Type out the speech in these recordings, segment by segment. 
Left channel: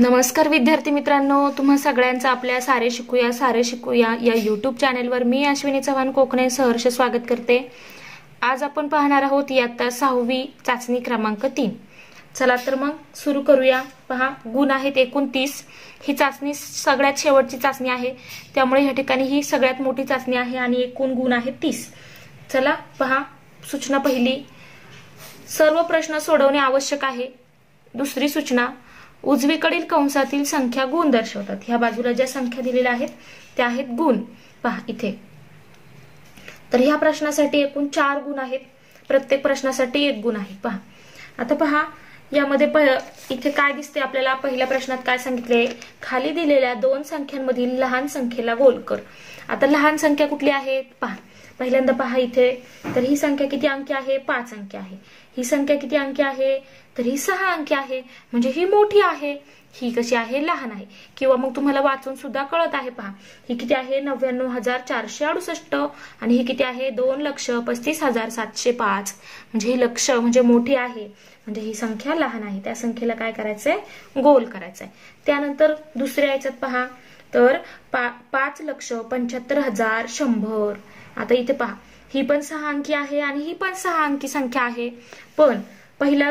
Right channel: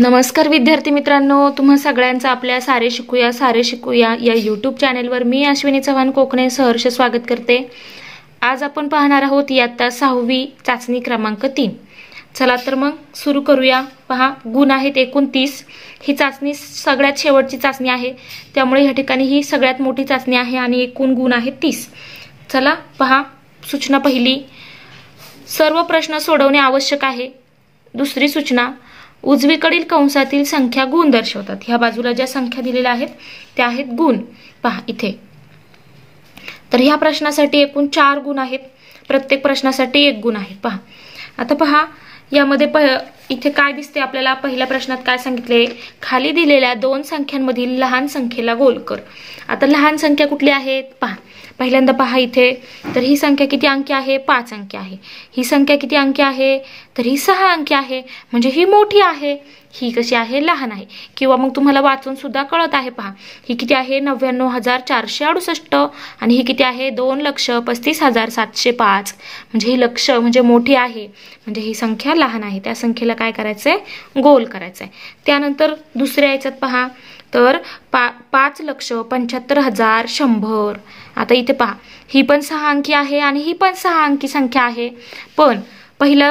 नमस्कार विद्यार्थी मित्रांनो, तुम्हा सगळ्यांचं आपल्या सारे शिकूया या यूट्यूब चॅनेलवर मी अश्विनी चव्हाण कोकणे सहर्ष स्वागत करते। आज आपण पाहणार आहोत इयत्ता 6वी चाचणी क्रमांक 3। चला तर मग सुरू करूया। पहा, गुण आहेत 29। ही चाचणी सगळ्यात शेवटची चाचणी आहे, त्यामुळे या ठिकाणी ही सगळ्यात मोठी चाचणी आहे आणि एकूण गुण आहेत 30। चला पहा, सूचना पहिली, सर्व प्रश्न सोडवणे आवश्यक आहे। दुसरी सूचना, उजवीकडील कंसातील संख्या गुण दर्शवतात। ह्या बाजूला ज्या संख्या दिलेल्या आहेत त्या आहेत गुण। पहा इथे, तर ह्या प्रश्नासाठी एकूण 4 गुण आहेत, प्रत्येक प्रश्नासाठी 1 गुण आहे। पहा आता पहा, यामध्ये इथे काय दिसते आपल्याला, पहिल्या प्रश्नात काय सांगितले, खाली दिलेल्या 2 संख्यांमधील लहान संख्येला गोल कर। आता लहान संख्या कुठली आहेत पहा, पहिल्यांदा पहा इथे, तर ही संख्या किती अंकी आहे, 5 अंकी आहे। ही संख्या किती अंकी आहे, तर ही 6 अंकी आहे, म्हणजे ही मोठी आहे, ही कशी आहे, लहान आहे। किंवा मग तुम्हाला वाचून सुद्धा कळत आहे। पहा ही किती आहे, 99,468 आणि ही किती आहे, 2,35,705, म्हणजे ही लक्ष म्हणजे मोठी आहे, म्हणजे ही संख्या लहान आहे। त्या संख्येला काय करायचंय, गोल करायचंय। त्यानंतर दुसऱ्या याच्यात पहा, तर 5,75,100। आता इथे पहा, ही पण 6 अंकी आहे आणि ही पण 6 अंकी संख्या आहे, पण पहिला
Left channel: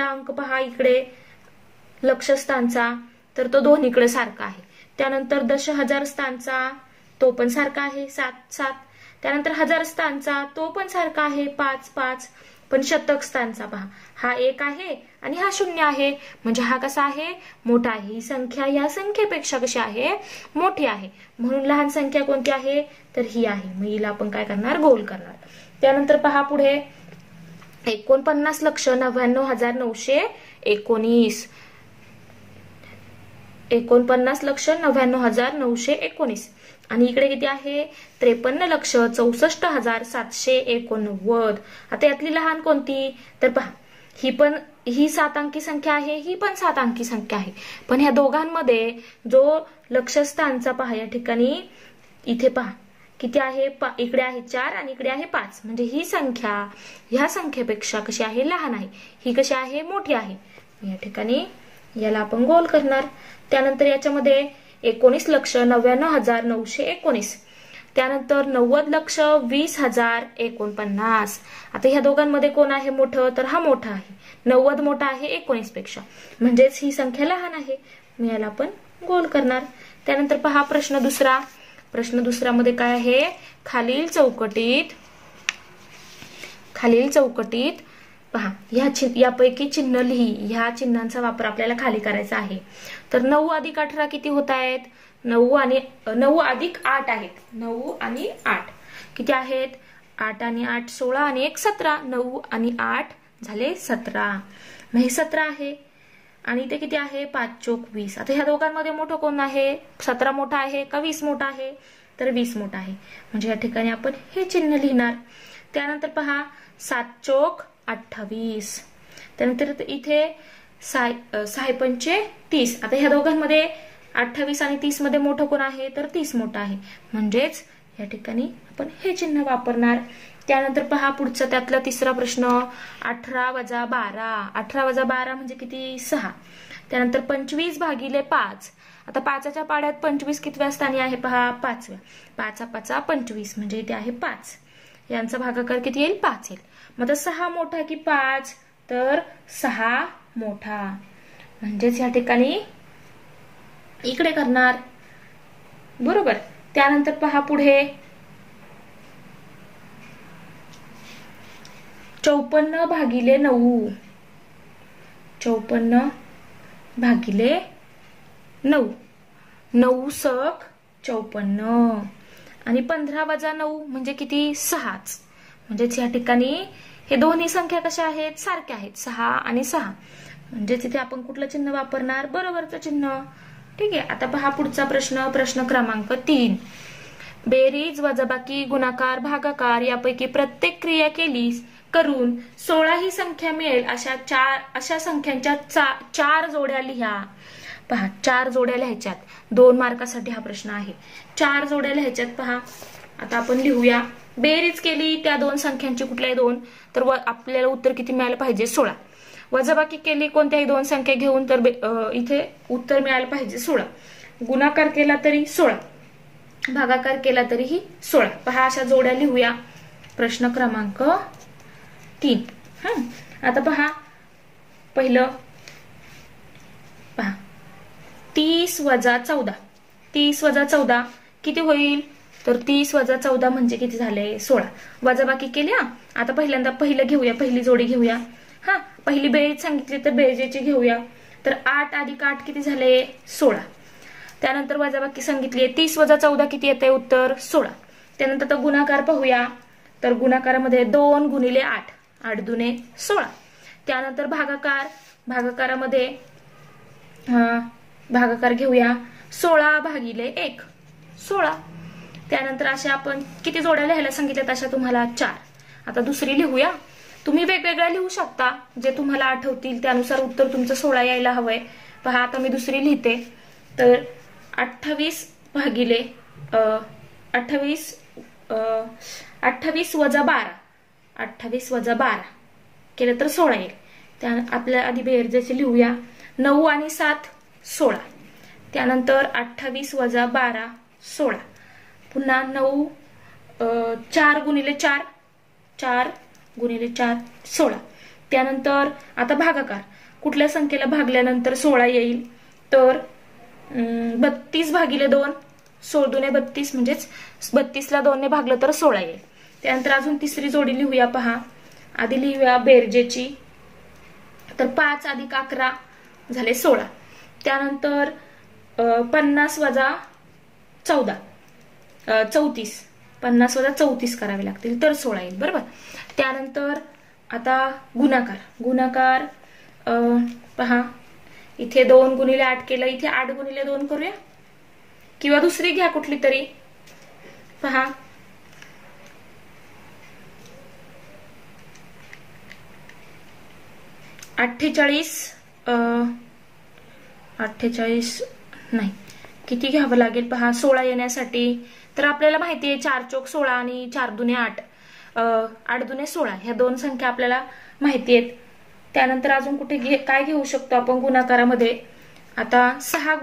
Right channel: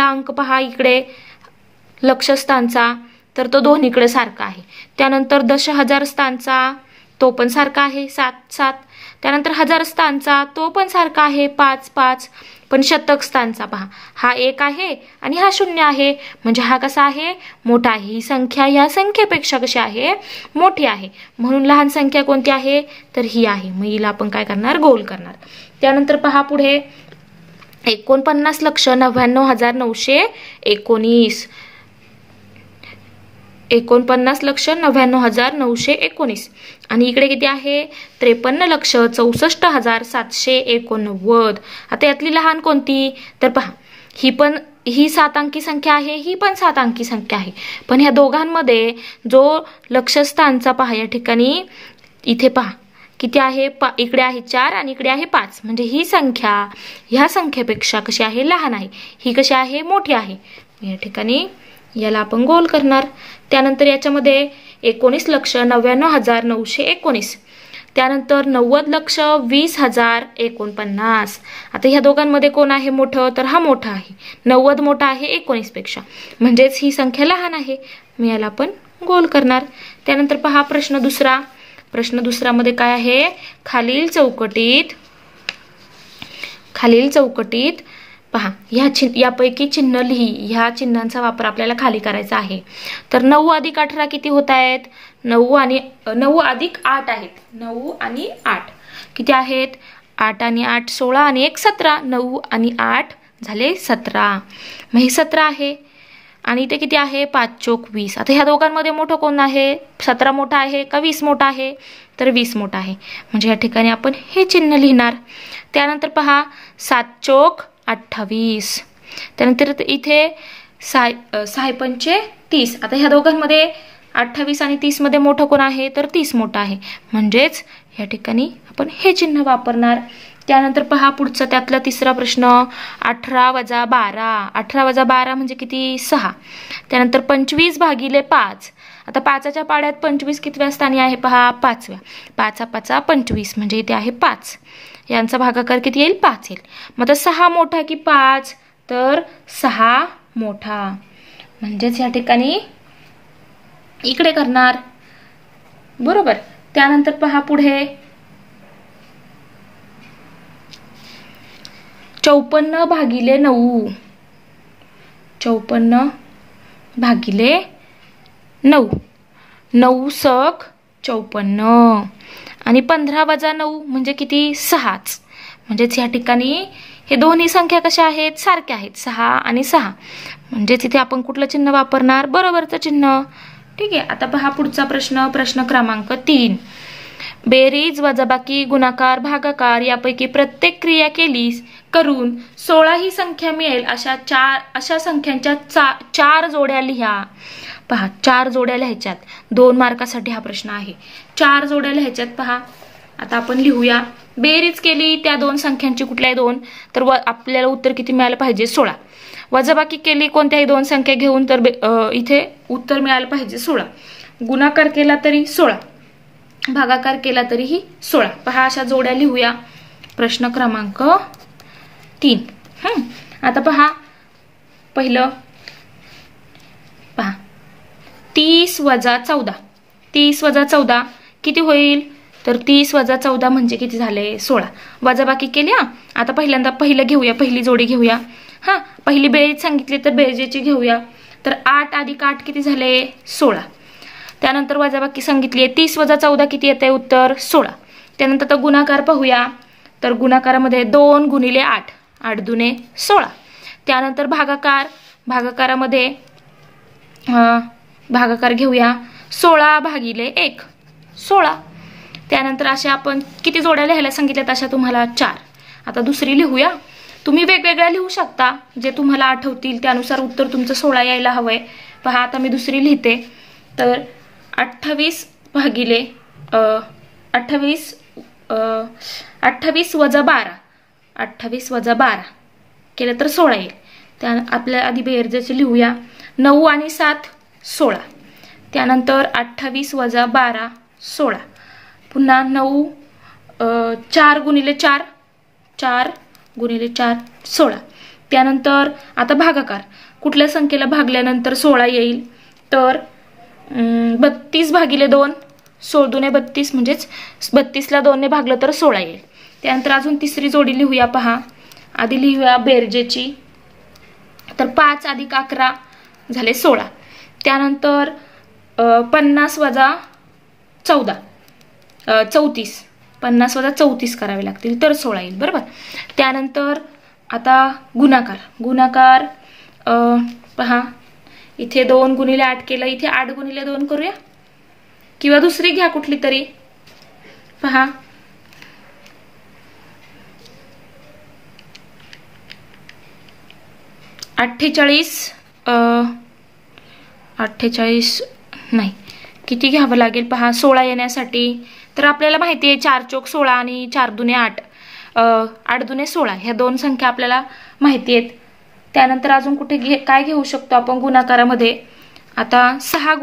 अंक पहा इकडे लक्षस्थानचा, तर तो दोन्हीकडे सारखा आहे। त्यानंतर दशहजार स्थानचा तो पण सारखा आहे, 7-7। त्यानंतर हजार स्थानचा तो पण सारखा आहे, 5-5। पण शतक स्थानचा पहा, हा 1 आहे आणि हा 0 आहे, म्हणजे हा कसा आहे, मोठा आहे। ही संख्या या संख्येपेक्षा कशी आहे, मोठी आहे, म्हणून लहान संख्या कोणती आहे, तर ही आहे। मग हिला आपण काय करणार, गोल करणार। त्यानंतर पहा पुढे, 49,99,919, 49,99,919 आणि इकडे किती आहे, 53,64,789। आता यातली लहान कोणती, तर पहा ही 7 अंकी संख्या आहे, ही पण 7 अंकी संख्या आहे, पण ह्या दोघांमध्ये जो लक्षस्थानचा पहा, या ठिकाणी इथे पहा किती आहे, इकडे आहे 4 आणि इकडे आहे 5, म्हणजे ही संख्या ह्या संख्येपेक्षा कशी आहे, लहान आहे, ही कशी आहे, मोठी आहे। या ठिकाणी याला आपण गोल करणार। त्यानंतर याच्यामध्ये 19,99,919, त्यानंतर 90,20,049। आता ह्या दोघांमध्ये कोण आहे मोठं, तर हा मोठा आहे, 90 मोठा आहे 19 पेक्षा, म्हणजेच ही संख्या लहान आहे। मी याला आपण गोल करणार। त्यानंतर पहा प्रश्न दुसरामध्ये काय आहे, खालील चौकटीत पहा, यापैकी चिन्ह लिही। ह्या चिन्हांचा वापर आपल्याला खाली करायचा आहे। तर 9 अधिक 18 किती होत आहेत, 9 अधिक 8 आहेत, 9 आणि 8 किती आहेत, 8 आणि 8 16 आणि 1 17, 9 आणि 8 झाले 17, मग हे 17 आहे आणि इथे किती आहे, 5 चोक 20। आता ह्या दोघांमध्ये मोठं कोण आहे, 17 मोठा आहे का 20 मोठा आहे, तर 20 मोठा आहे, म्हणजे या ठिकाणी आपण हे चिन्ह लिहिणार। त्यानंतर पहा 7 चोक 28, त्यानंतर इथे 6 पंचे 30। आता ह्या दोघांमध्ये 28 आणि 30 मध्ये मोठं कोण आहे, तर 30 मोठा आहे, म्हणजेच या ठिकाणी आपण हे चिन्ह वापरणार। त्यानंतर पहा पुढचा, त्यातला तिसरा प्रश्न, 18 वजा 12। 18 वजा 12 म्हणजे किती, 6। त्यानंतर 25 भागिले 5। आता 5च्या पाड्यात 25 कितव्या स्थानी आहे पहा, 5व्या। 5 25, म्हणजे इथे आहे 5, यांचा भागाकार किती येईल, 5 येईल। मग आता 6 मोठा की 5, तर 6 मोठा, म्हणजेच या ठिकाणी इकडे करणार, बरोबर। त्यानंतर पहा पुढे, 54 भागिले 9। 54 भागिले 9, 9 सक 54 आणि 15 वजा 9 म्हणजे किती, 6च, म्हणजेच या ठिकाणी हे दोन्ही संख्या कशा आहेत, सारख्या आहेत, 6 आणि 6, म्हणजेच इथे आपण कुठलं चिन्ह वापरणार, बरोबरचं चिन्ह। ठीक आहे। आता पहा पुढचा प्रश्न क्रमांक 3, बेरीज वजाबाकी गुणाकार भागाकार यापैकी प्रत्येक क्रिया करून 16 ही संख्या मिळेल अशा संख्यांच्या 4 जोड्या लिहा। पहा 4 जोड्या लिहायच्यात, 2 मार्कासाठी हा प्रश्न आहे। 4 जोड्या लिहायच्यात पहा, आता आपण लिहूया. बेरीज केली त्या दोन संख्यांची, कुठल्याही दोन, तर आपल्याला उत्तर किती मिळालं पाहिजे? 16. वजाबाकी केली कोणत्याही दोन संख्या घेऊन, तर इथे उत्तर मिळालं पाहिजे 16. गुणाकार केला तरी 16, भागाकार केला तरीही 16. पहा, अशा जोड्या लिहूया. प्रश्न क्रमांक 3. आता पहा, पहिलं पहा, 30 वजा 14. 30 वजा 14 किती होईल? तर 30 वजा 14 म्हणजे किती झाले? 16. वजाबाकी केली. आता पहिल्यांदा पहिलं घेऊया, पहिली जोडी घेऊया. पहिली बेरीज सांगितली तर बेरजेची घेऊया. तर 8 अधिक 8 किती झाले? 16. त्यानंतर वजाबाकी सांगितली आहे, 30 वजा 14 किती येते? उत्तर 16. त्यानंतर तर गुणाकार पाहूया. तर गुणाकारामध्ये 2 गुणिले 8, 8 दुने 16. त्यानंतर भागाकार, भागाकारामध्ये भागाकार घेऊया. 16 भागिले 1, 16. त्यानंतर अशा आपण किती जोड्या लिहायला सांगितल्यात? अशा तुम्हाला 4. आता दुसरी लिहूया. तुम्ही वेगवेगळ्या लिहू शकता, जे तुम्हाला आठवतील त्यानुसार उत्तर तुमचं 16 यायला हवंय. पहा, आता मी दुसरी लिहिते. तर 28 भागिले 28 वजा 12, 28 वजा 12 केलं तर 16 येईल. त्या आपल्या आधी बेरजेचे लिहूया. 9 आणि 7 16. त्यानंतर 28 वजा 12 16. पुन्हा 9 4 गुणिले 4, 4 गुणिले 4 16. त्यानंतर आता भागाकार, कुठल्या संख्येला भागल्यानंतर 16 येईल? तर 32 भागिले 2, 16 दुने 32 म्हणजेच 32ला 2 ने भागलं तर 16 येईल. त्यानंतर अजून तिसरी जोडी लिहूया. पहा, आधी लिहूया बेरजेची. तर 5 अधिक 11 झाले 16. त्यानंतर 50 वजा 14, 34, 50 वजा 34 करावे लागतील तर 16 येईल. बरोबर. त्यानंतर आता गुणाकार, गुणाकार पहा, इथे 2 गुणिले 8 केलं, इथे 8 गुणिले 2 करूया, किंवा दुसरी घ्या कुठली तरी. पहा, 48 नाही, किती घ्यावं लागेल? पहा, 16 येण्यासाठी तर आपल्याला माहिती आहे 4 चोक 16 आणि 4 दुने 8, 8 दुने 16 ह्या दोन संख्या आपल्याला माहिती आहेत. त्यानंतर अजून कुठे काय घेऊ शकतो आपण गुणाकारामध्ये? आता 16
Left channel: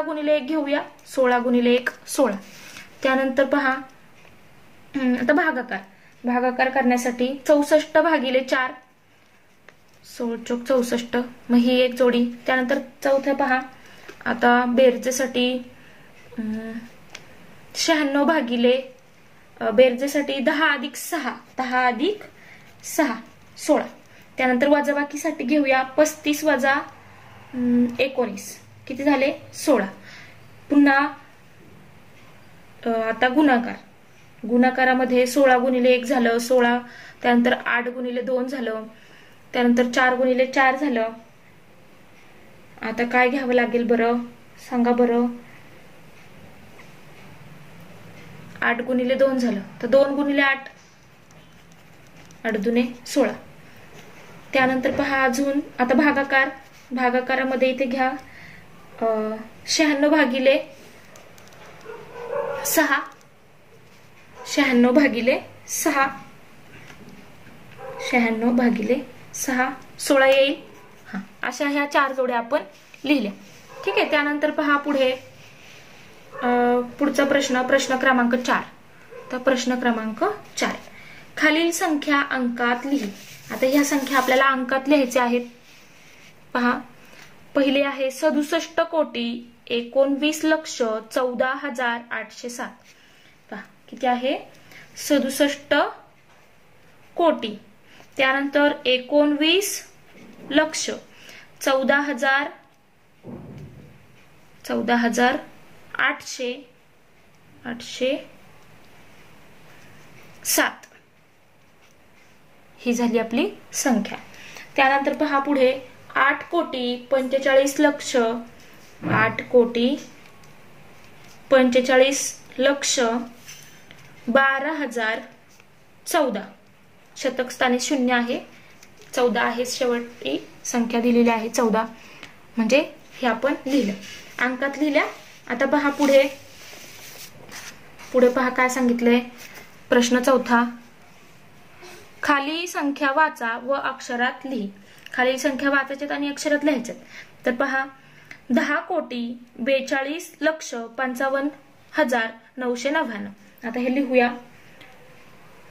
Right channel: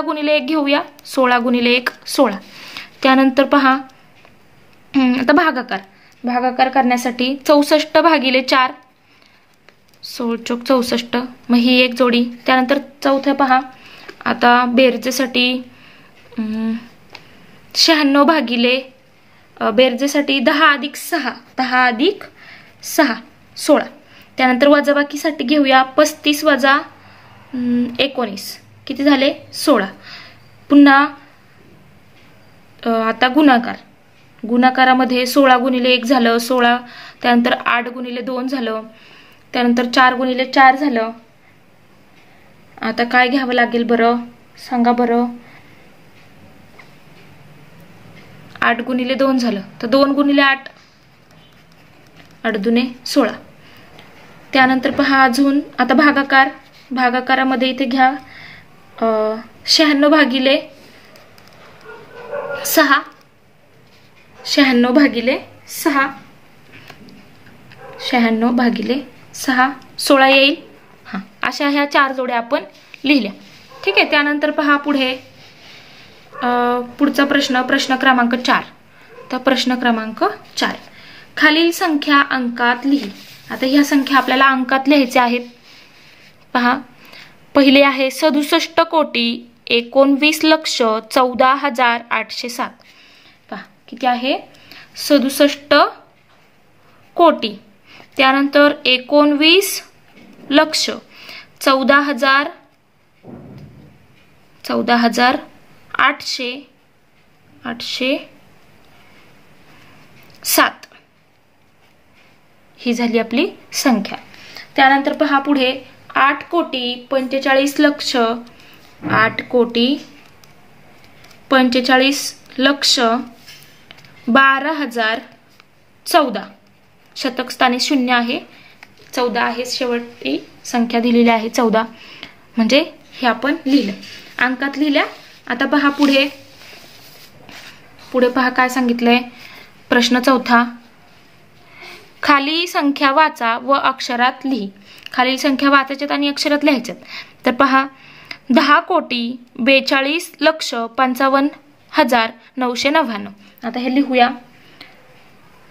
गुणिले 1 घेऊया. 16 गुणिले 1 16. त्यानंतर पहा, आता भागाकार, भागाकार करण्यासाठी 64 भागिले 4, 16 चोक 64, मग ही एक जोडी. त्यानंतर चौथं पहा, आता बेरजेसाठी 96 भागिले बेरजेसाठी 10 अधिक 6, 10 अधिक 6 16. त्यानंतर वजाबाकीसाठी घेऊया. 35 वजा 19 किती झाले? 16. पुन्हा आता गुणाकार, गुणाकारामध्ये 16 गुणिले 1 झालं 16. त्यानंतर 8 गुणिले 2 झालं. त्यानंतर 4 गुणिले 4 झालं. आता काय घ्यावं लागेल बरं? सांगा बरं. 8 गुणिले 2 झालं तर 2 गुणिले 8, 8 दुने 16. त्यानंतर पहा अजून आता भागाकार, भागाकारामध्ये इथे घ्या 96 भागिले 6, 96 भागिले 6, 96 भागिले 6 16 येईल. अशा ह्या 4 जोड्या आपण लिहिल्या. ठीक आहे. त्यानंतर पहा पुढे पुढचा प्रश्न, प्रश्न क्रमांक 4. तर प्रश्न क्रमांक 4, खालील संख्या अंकात लिही. आता ह्या संख्या आपल्याला अंकात लिहायच्या आहेत. पहा, पहिले आहे 67 कोटी 19,14,807. पहा किती आहे? 67 कोटी, त्यानंतर 19,00,000, 14,807 ही झाली आपली संख्या. त्यानंतर पहा पुढे 8 कोटी 45,00,000, 8 कोटी 45,00,000 12,014. शतक स्थानी 0 आहे, 14 आहे, शेवटची संख्या दिलेली आहे 14. म्हणजे हे आपण लिहिलं, अंकात लिहिल्या. आता पहा पुढे पुढे पहा काय सांगितलंय. प्रश्न चौथा, खाली संख्या वाचा व अक्षरात लिही. खालील संख्या वाचायच्यात आणि अक्षरात लिहायच्यात. तर पहा 10,42,55,999. आता हे लिहूया.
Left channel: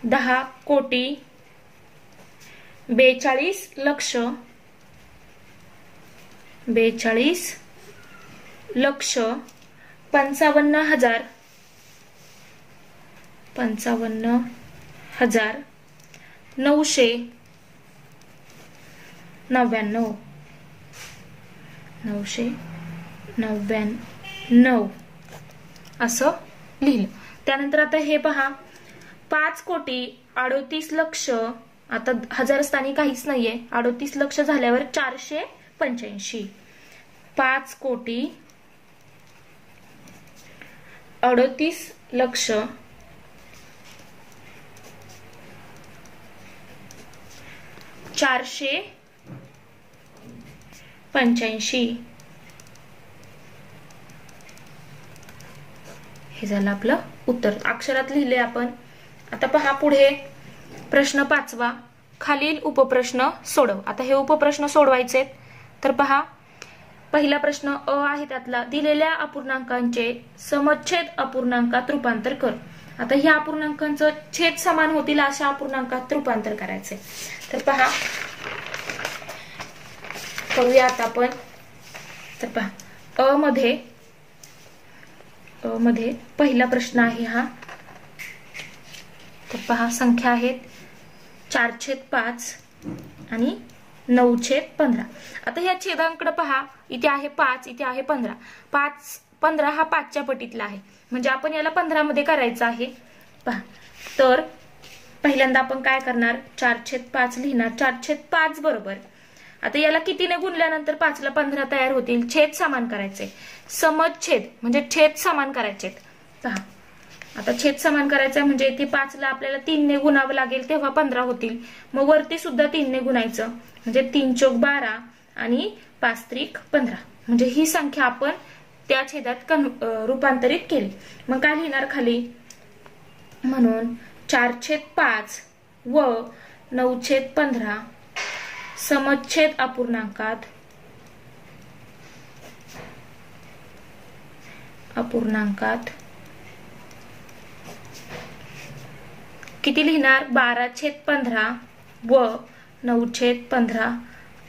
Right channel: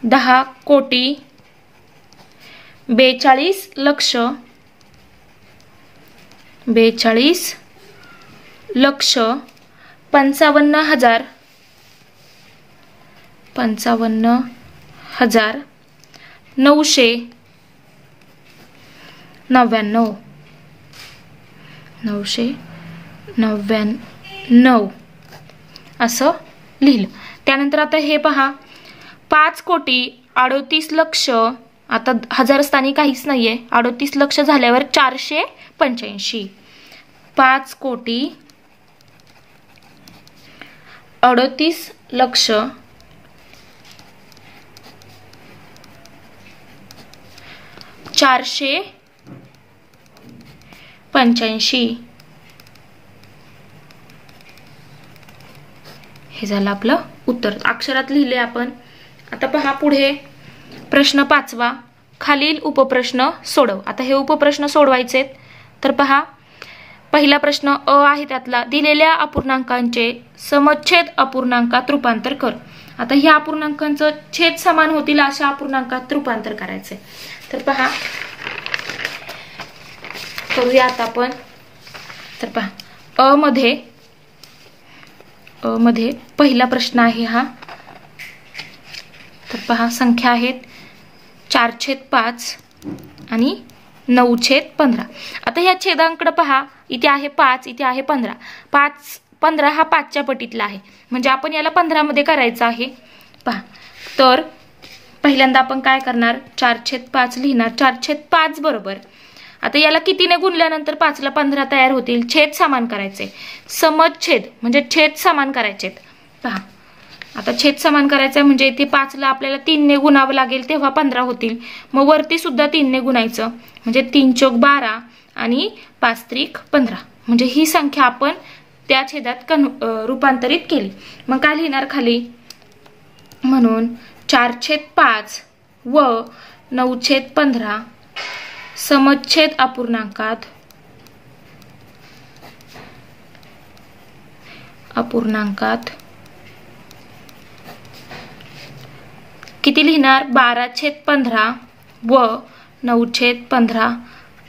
10,42,55,999 असं लिहिलं. त्यानंतर आता हे पहा 5,38,00,000. आता हजार स्थानी काहीच नाहीये. 38,00,000 झाल्यावर 485. 5,38,00,000 485. हे झालं आपलं उत्तर. अक्षरात लिहिले आपण. आता पहा पुढे प्रश्न 5वा, खालील उपप्रश्न सोडव. आता हे उपप्रश्न सोडवायचे. तर पहा पहिला प्रश्न अ आहे त्यातला, दिलेल्या अपूर्णांकांचे समच्छेद अपूर्णांकात रूपांतर कर. आता ह्या अपूर्णांकांचं छेद समान होतील अशा अपूर्णांकात रूपांतर करायचे. तर पहा करूया आता आपण. तर पहा अ मध्ये पहिला प्रश्न आहे हा. तर पहा संख्या आहेत 4/5 आणि 9/15. आता ह्या छेदांकडे पहा, इथे आहे 5, इथे आहे 15. 15 हा 5च्या पटीतला आहे, म्हणजे आपण याला 15 मध्ये करायचं आहे. पहा तर पहिल्यांदा आपण काय करणार, 4/5 लिहिणार. 4/5 बरोबर. आता याला कितीने गुणल्यानंतर 5ला 15 तयार होतील. छेद समान करायचे. समच्छेद म्हणजे छेद समान करायचे. पहा आता छेद समान करायचं म्हणजे इथे 5ला आपल्याला 3ने गुणावं लागेल तेव्हा 15 होतील. मग वरती सुद्धा 3ने गुणायचं म्हणजे 3 चौक 12 आणि 5 त्रिक 15. म्हणजे ही संख्या आपण त्या छेदात रूपांतरित केली. मग काय लिहिणार खाली, म्हणून 4/5 व 9/15 समच्छेद अपूर्णांकात किती लिहिणार, 12/15 व 9/15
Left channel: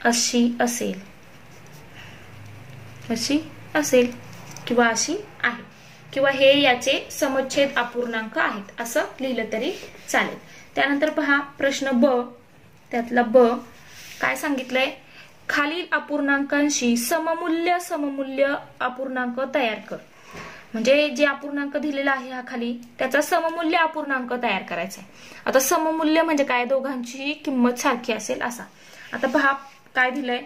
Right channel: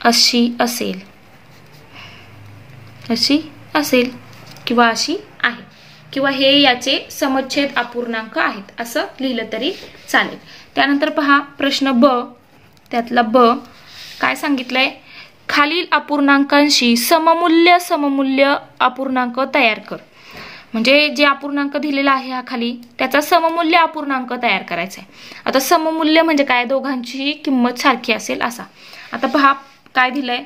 अशी असेल किंवा अशी आहे, किंवा हे याचे समच्छेद अपूर्णांक आहेत असं लिहिलं तरी चालेल. त्यानंतर पहा प्रश्न ब, त्यातला ब काय सांगितलंय, खालील अपूर्णांकांशी सममुल्य अपूर्णांक तयार कर. म्हणजे जे अपूर्णांक दिलेला आहे हा खाली, त्याचा सममुल्य अपूर्णांक तयार करायचा आहे. आता सममुल्य म्हणजे काय, दोघांची किंमत सारखी असेल असा. आता पहा काय दिलंय,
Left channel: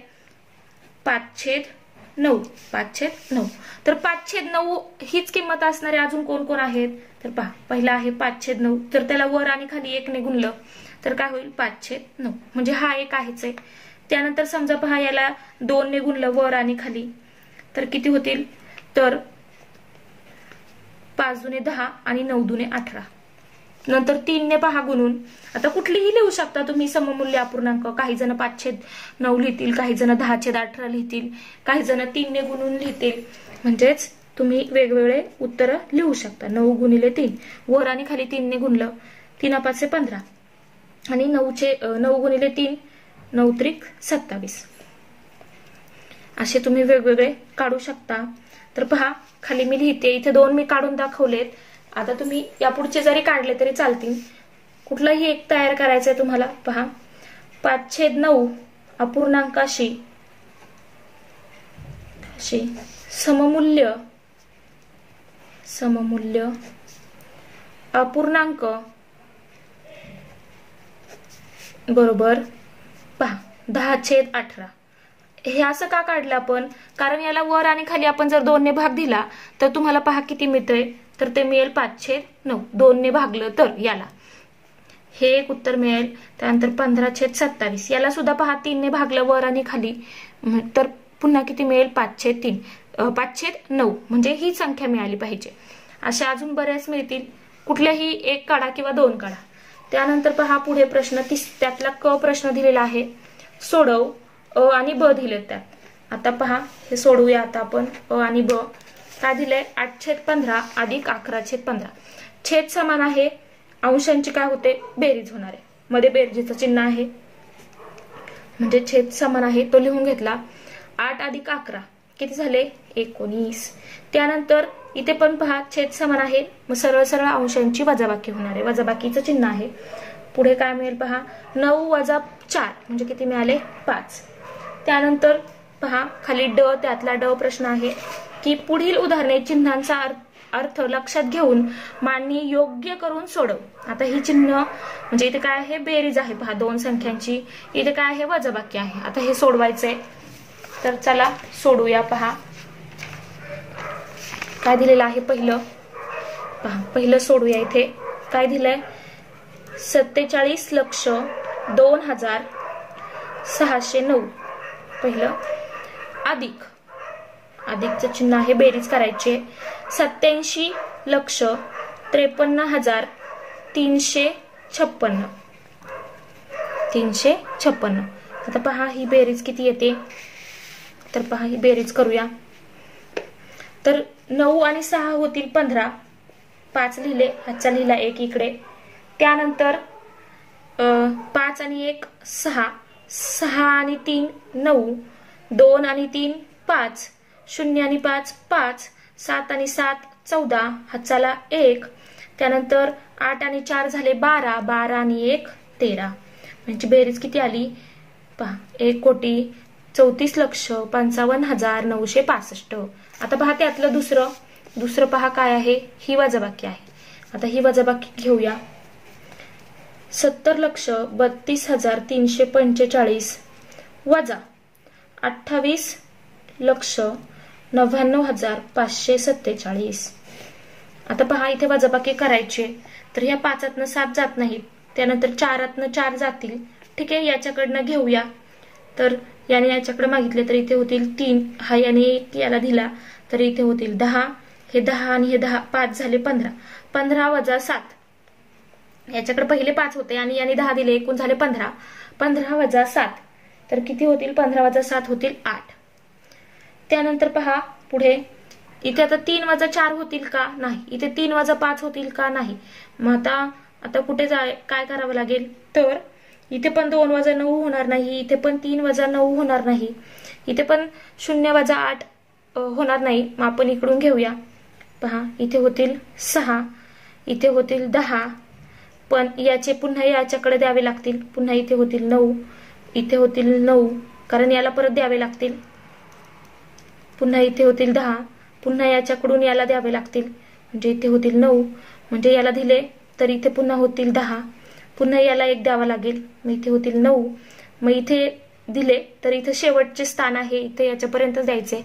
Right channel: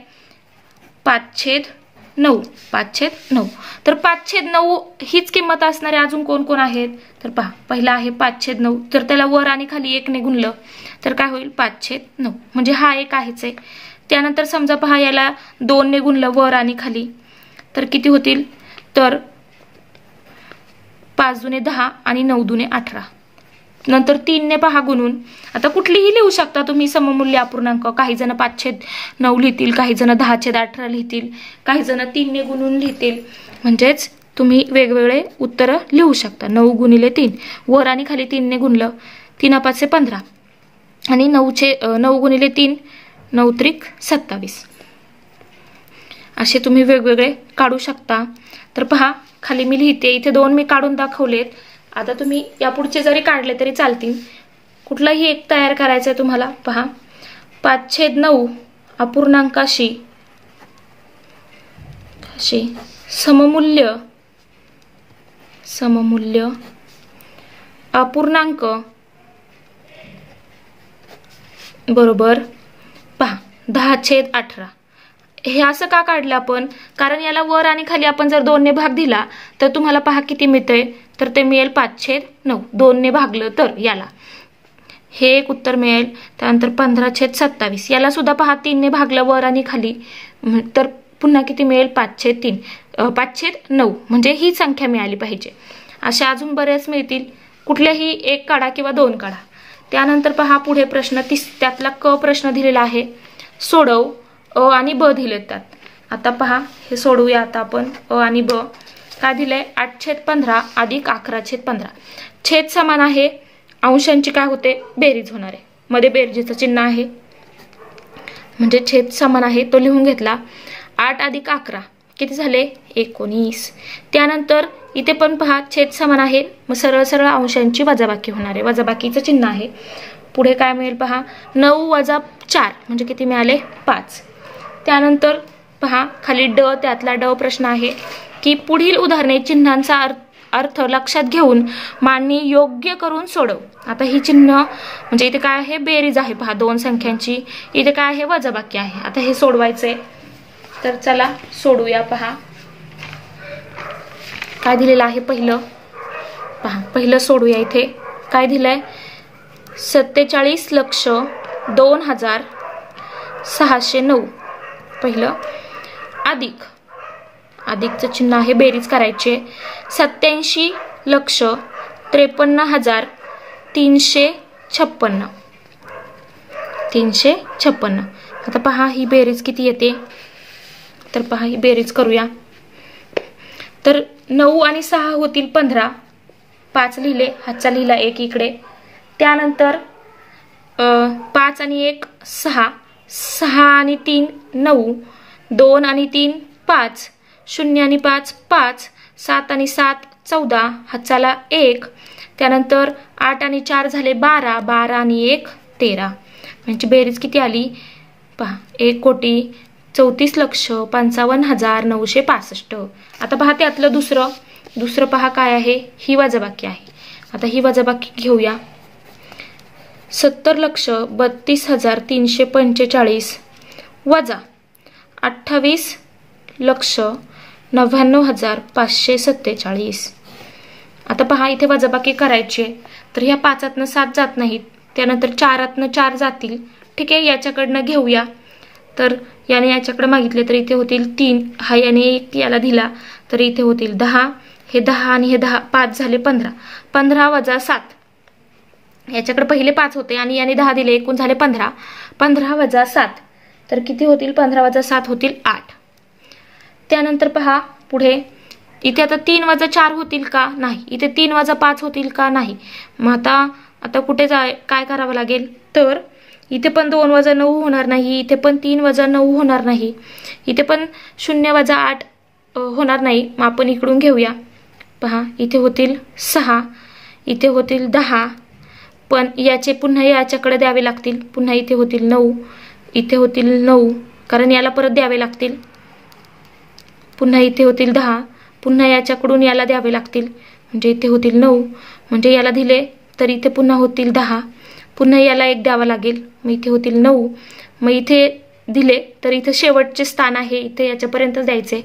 5/9. तर 5/9 हीच किंमत असणारे अजून कोण कोण आहेत. तर पहा पहिला आहे 5/9. तर त्याला वर आणि खाली 1ने गुणलं तर काय होईल, 5/9. म्हणजे हा एक आहेच आहे. त्यानंतर समजा पहा याला 2ने गुणलं वर आणि खाली तर किती होतील, तर 5 दुने 10 आणि 9 दुने 18. नंतर 3ने पहा गुणून. आता कुठलीही लिहू शकता तुम्ही सममुल्य अपूर्णांक. काही जण 5/9 लिहितील, काही जण 10/18 लिहितील, काही जण 3ने गुणून लिहितील. म्हणजेच तुम्ही वेगवेगळे उत्तर लिहू शकता. 9 गुणिले 3 वर आणि खाली 3ने गुणलं, 3×5 = 15 आणि 9 गुणिले 3 9 त्रिक 27. असे तुम्ही वेगवेगळे काढू शकता. तर पहा खाली मी लिहिते, इथे 2 मी काढून दाखवलेत. आता तुम्ही यापुढचे जरी काढले तरी चालतील. कुठलाही एक तयार करायचा आहे तुम्हाला. पहा 5/9 अपूर्णांकाशी सममुल्य अपूर्णांक बरोबर पहा 10/18. हे असं का काढलं आपण, कारण याला वर आणि खाली आपण जर 2ने भाग दिला तर तुम्हाला पहा किती मिळते, तर ते मिळेल 5/9. 2ने भागलं तर याला हे एक उत्तर मिळेल. त्यानंतर 15/27. याला सुद्धा पहा 3ने भागलं वर आणि खाली तर पुन्हा किती मिळेल, 5/9. म्हणजे ही संख्या मिळाली पाहिजे. अशा अजून बऱ्याच मिळतील, कुठल्याही एक काढा किंवा 2 काढा. त्यानंतर पहा पुढे प्रश्न त्यातला क प्रश्न दिलेला आहे, सोडव. अ आणि ब दिलेत त्यात. आता पहा हे सोडवूया आता आपण. अ आणि ब काय दिलंय, 8/15 अधिक 11/15. छेद समान आहे, अंशांची काय होते, बेरीज होणार आहे. मध्ये बेरजेचं चिन्ह आहे, म्हणजे छेद समान आहे तो लिहून घेतला. 8 अधिक 11 किती झाले, 19. त्यानंतर इथे पण पहा छेद समान आहे, मग सरळ सरळ अंशांची वजाबाकी होणार आहे, वजाबाकीचं चिन्ह आहे. पुढे काय मिळेल पहा, 9 वजा 4 म्हणजे किती मिळाले, 5. त्यानंतर पहा खाली ड, त्यातला ड प्रश्न आहे की पुढील उदाहरणे चिन्हांचा अर्थ लक्षात घेऊन मांडणी योग्य करून सोडव. आता ही चिन्ह म्हणजे इथे काय आहे, बेरीज आहे पहा 2 संख्यांची, इथे काय आहे, वजाबाकी आहे. आता हे सोडवायचंय, तर चला सोडूया. पहा काय दिलेलं आहे पहिलं, पहा पहिलं सोडूया. इथे काय दिलंय, 47,02,609 पहिलं, अधिकचं चिन्ह आहे, बेरीज करायची. 87,53,56. आता पहा ही बेरीज किती येते, तर पहा ही बेरीज करूया. तर 9 आणि 6 होतील 15, 5 लिहिले, हातचा लिहिला 1 इकडे. त्यानंतर 5 आणि 1 6, 6 आणि 3 9, 2 आणि 3 5, 0 आणि 5 5, 7 आणि 7 14, हातचाला 1. त्यानंतर 8 आणि 4 झाले 12, 12 आणि 1 13. म्हणजे बेरीज किती आली पहा, 1,34,55,965. आता पहा त्यातलं दुसरं पहा काय आहे, ही वजाबाकी आहे. आता ही वजाबाकी घेऊया. 70,32,345 वजा 28,99,547. आता पहा इथे वजाबाकी करायची, तर ह्या 5तनं 7 जात नाहीत, त्यानंतर 4तनं 4 जातील. ठीक आहे, याच्याकडनं घेऊया. तर याने याच्याकडे मागितले तर इथे होतील 3, हा याने 1 याला दिला तर इथे होतील 10, हे 10 आणि हे 10, 5 झाले 15. 15 वजा 7, याच्याकडे पहिले 5 होते आणि याने 10 दिले, एकूण झाले 15. 15 वजा 7 तर किती होतील, 15 वजा 7 होतील 8. त्यानंतर पहा पुढे इथे आता 3 वजा 4 होतील का, नाही. इथे 3 वजा 5 होतील का, नाही. मग आता कुठे काय करावं लागेल, तर इथे पण 2 वजा 9 होणार नाही, इथे पण 3 वजा 9 होणार नाही, इथे पण 0 वजा 8 होणार नाही. मग आपण इकडून घेऊया. पहा इथे होतील 6, इथे होतील 10, पण याचे पुन्हा याच्याकडे द्यावे लागतील. पुन्हा इथे होतील 9, इथे होतील 9, कारण याला परत द्यावे लागतील. पुन्हा इथे होतील 10, पुन्हा याच्याकडून याला द्यावे लागतील, म्हणजे इथे होतील 9. म्हणजे याला दिले तर इथे पुन्हा होतील 10, पुन्हा याला 1 द्यावा लागेल, मग इथे होतील 9. मग इथे दिले तर इथे शेवटचे स्थान आहे, इथे याच्यापर्यंत द्यायचे.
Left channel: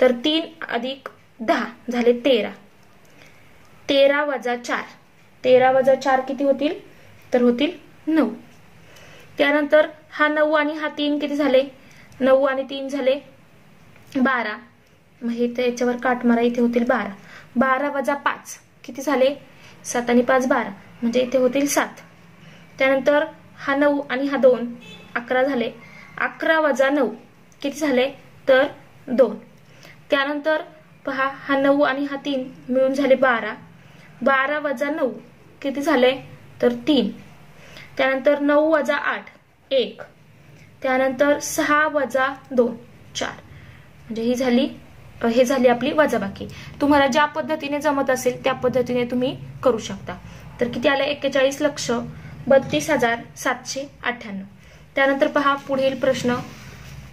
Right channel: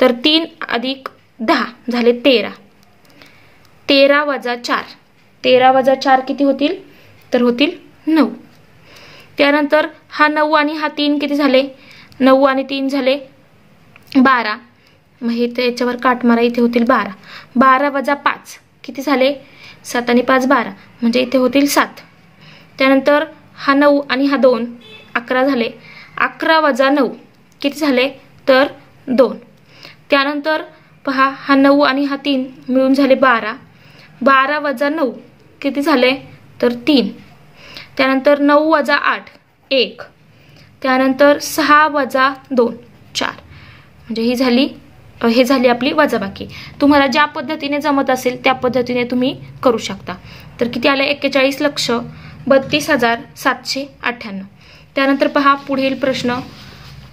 तर 3 अधिक 10 झाले 13. 13 वजा 4, 13 वजा 4 किती होतील, तर होतील 9. त्यानंतर हा 9 आणि हा 3 किती झाले, 9 आणि 3 झाले 12. मग हे त्याच्यावर काट मारा, इथे होतील 12. 12 वजा 5 किती झाले, 7 आणि 5 12, म्हणजे इथे होतील 7. त्यानंतर हा 9 आणि हा 2 11 झाले. 11 वजा 9 किती झाले, तर 2. त्यानंतर पहा हा 9 आणि हा 3 मिळून झाले 12. 12 वजा 9 किती झाले, तर 3. त्यानंतर 9 वजा 8 1. त्यानंतर 6 वजा 2 4. म्हणजे हे झाली आपली वजाबाकी. तुम्हाला ज्या पद्धतीने जमत असेल त्या पद्धतीने तुम्ही करू शकता. तर किती आले, 41,32,798. त्यानंतर पहा पुढील प्रश्न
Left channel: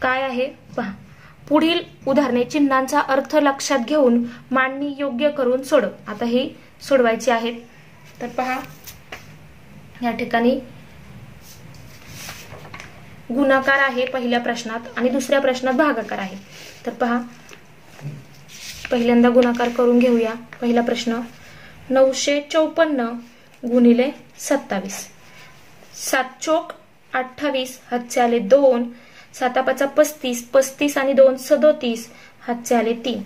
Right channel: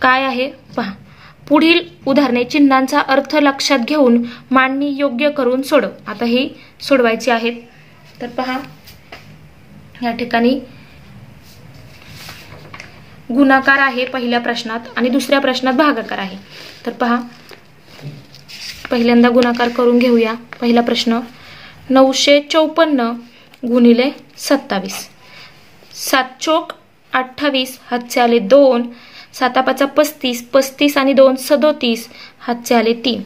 काय आहे. पहा पुढील उदाहरणे चिन्हांचा अर्थ लक्षात घेऊन मांडणी योग्य करून सोडव. आता ही सोडवायची आहेत. तर पहा या ठिकाणी गुणाकार आहे पहिल्या प्रश्नात आणि दुसऱ्या प्रश्नात भागाकार आहे. तर पहा पहिल्यांदा गुणाकार करून घेऊया. पहिला प्रश्न 954 गुणिले 27. 7 चोक 28, हातचे आले 2. 7 5 35, 35 आणि 2 37, हातचे आले 3.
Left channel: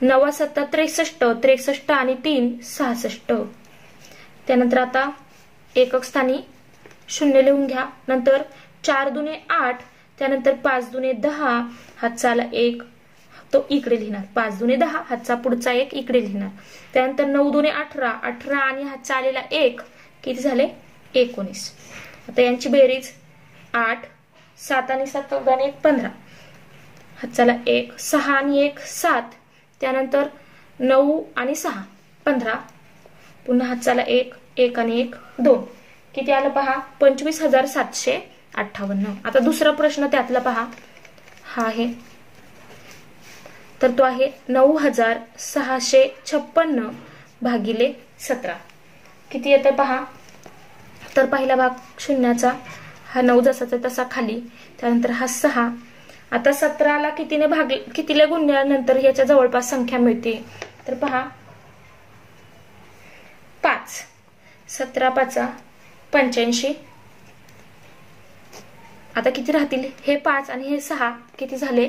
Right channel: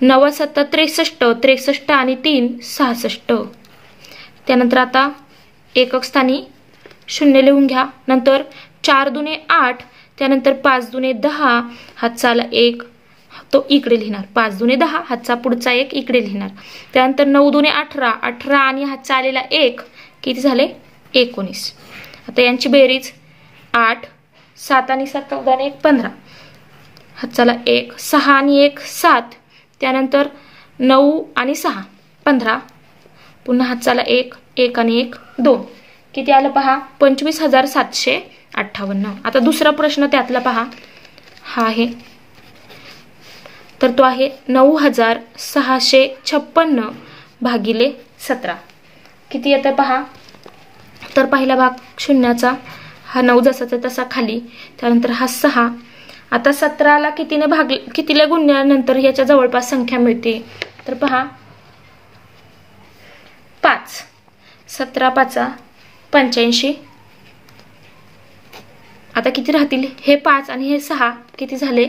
9 7 63, 63 आणि 3 66. त्यानंतर आता एकक स्थानी 0 लिहून घ्या. नंतर 4 दुने 8, त्यानंतर 5 दुने 10, हातचा 1 तो इकडे लिहिणार. 5 दुने 10, हातचा पुढचा 1 इकडे लिहिणार. त्यानंतर 9 दुने 18, 18 आणि हातचा आलेला 1 किती झाले 19. आता यांची बेरीज 8, 7 आणि 7 14 आणि 1 15, हातचाला 1, 6 आणि 1 7, त्यानंतर 9 आणि 6 15, पुन्हा हातचाला 1, 1 आणि 1 2, किती आलं पहा 25,758. आता दुसरा प्रश्न त्यातला पहा हा आहे, तर तो आहे 9,656 भागिले 17. किती येतं पहा. तर पहिला भाग शून्याचा, हा 9 जसाचा तसा खाली, त्यानंतर हा 6. आता 17ला कितीला गुणल्यानंतर याच्या जवळपास संख्या मिळते, तर पहा 5. 17 5 85. आता किती राहतील, हे 5 आणि हे 6 किती झाले,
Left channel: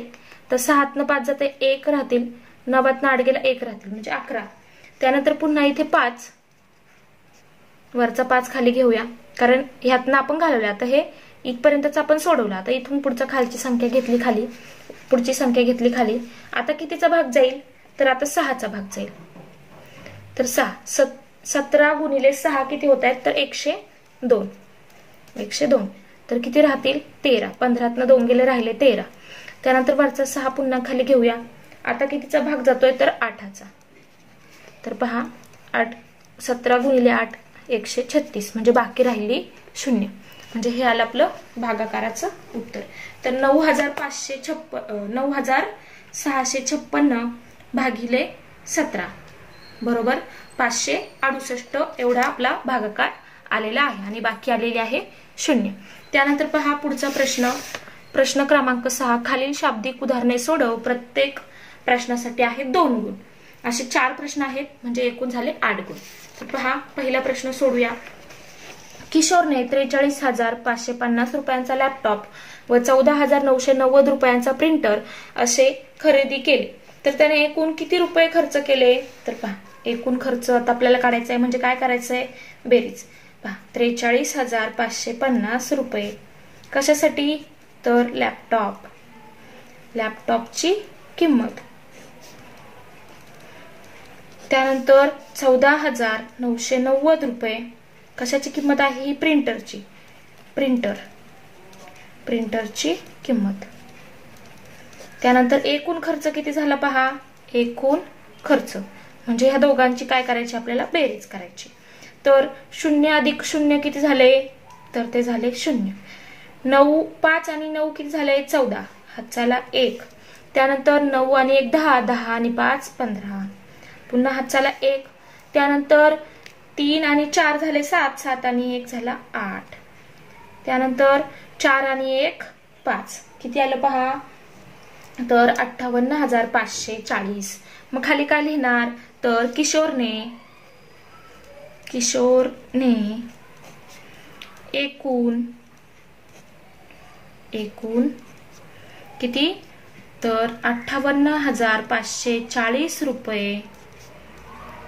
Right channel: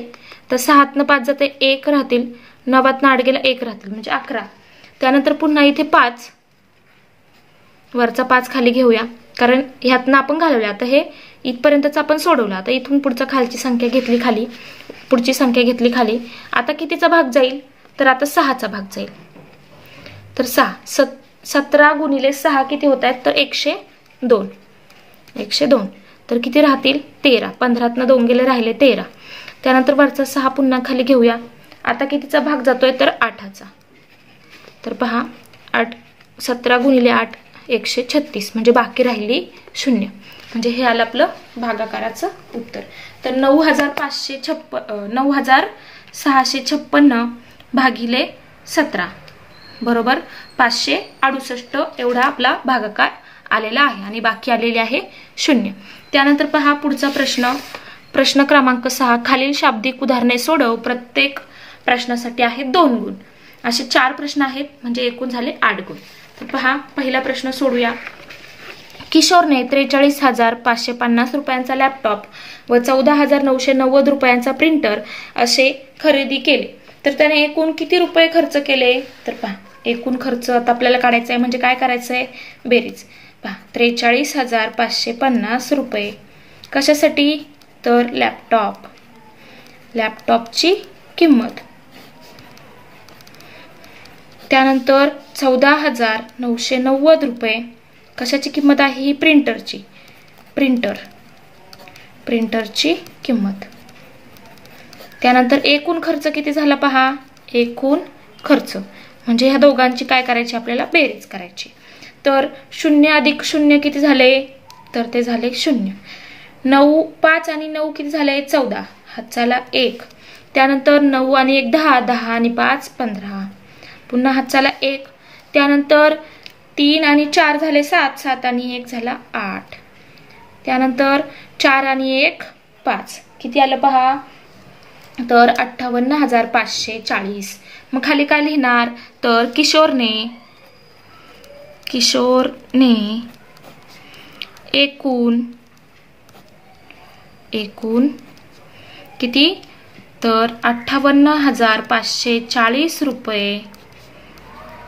तर 6तनं 5 जाते 1 राहतील, 9तनं 8 गेला 1 राहतील म्हणजे 11. त्यानंतर पुन्हा इथे 5, वरचा 5 खाली घेऊया कारण ह्यातनं आपण घालवलं. आता हे इथपर्यंतच आपण सोडवलं. आता इथून पुढचा खालची संख्या घेतली खाली, पुढची संख्या घेतली खाली. आता कितीचा भाग जाईल, तर आता 6चा भाग जाईल. तर 17 गुणिले 6 किती होत आहेत, तर 102. 102 तर किती राहतील 13. 15तनं 2 गेले राहिले 13. त्यानंतर वरचा 6 पुन्हा खाली घेऊया. आता कितीचा भाग जातोय, तर 8चा. तर पहा 17 गुणिले 8 136, म्हणजे बाकी राहिली 0. म्हणजे हे आलं आपलं भागाकाराचं उत्तर. तर 9,656 भागिले 17 बरोबर 568 एवढा आपला भागाकार आलेला आहे आणि बाकी आलेले आहे 0. त्यानंतर पहा पुढचा प्रश्न क्रमांक 6. खालील शाब्दिक उदाहरणे सोडव. प्रत्येक प्रश्नासाठी आहे 2 गुण. असे 4 प्रश्न आहेत, म्हणजे एकूण झाले 8 गुण. तर पहा पहिला प्रश्न सोडूया. किशोरने 43,550 रुपयांचा लॅपटॉप व 14,990 रुपयांचा प्रिंटर असे खरेदी केले, तर त्याने एकूण किती रुपये खर्च केले. तर पहा एकूण खर्च आता आपल्याला काढायचा आहे, म्हणजे काय करायचं आहे बेरीज. पहा 43,550 रुपये कशासाठी, तर लॅपटॉपची किंमत. त्यानंतर 14,990 रुपये कशाची किंमत आहे, ही प्रिंटरची किंमत. त्यानंतर एकूण खर्च किती झाला पहा, एकूण खर्च म्हणजे ह्या दोघांची काय करायची आपल्याला बेरीज करायची. तर 0 अधिक 0 किती झाले, तर ते झाले 0. 9 5 आणि 9 किती झाले 14, हातचाला 1. त्यानंतर 9 आणि 1 10, 10 आणि 5 15, पुन्हा हातचाला 1. त्यानंतर 3 आणि 4 झाले 7, 7 आणि 1 झाला 8. त्यानंतर 4 आणि 1 5, किती आलं पहा, तर 58,540. मग खाली काय लिहिणार, तर किशोरने एकूण किती, तर 58,540 रुपये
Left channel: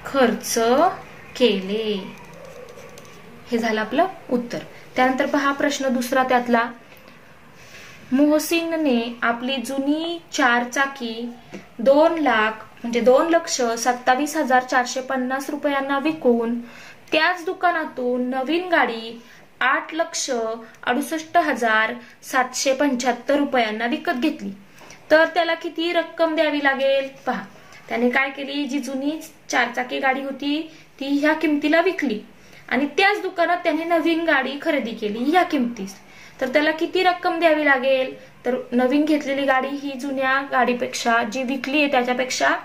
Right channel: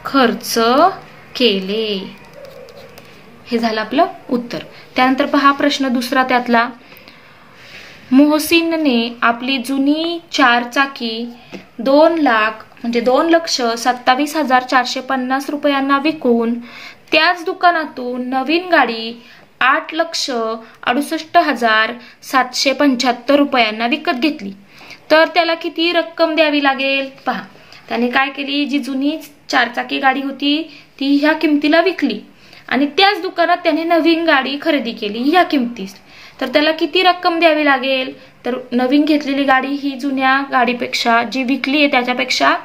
खर्च केले. हे झालं आपलं उत्तर. त्यानंतर पहा प्रश्न दुसरा त्यातला. मोहसिनने आपली जुनी 4 चाकी 2,27,450 रुपयांना विकून त्याच दुकानातून नवीन गाडी 8,68,775 रुपयांना विकत घेतली, तर त्याला किती रक्कम द्यावी लागेल. पहा त्याने काय केली, जी जुनी 4 चाकी गाडी होती ती ह्या किमतीला विकली आणि त्याच दुकानात त्याने नवीन गाडी खरेदी केली ह्या किमतीस, तर त्याला किती रक्कम द्यावी लागेल. तर नवीन घेतलेली गाडी ही जुन्या गाडीपेक्षा जी विकली आहे त्याच्यापेक्षा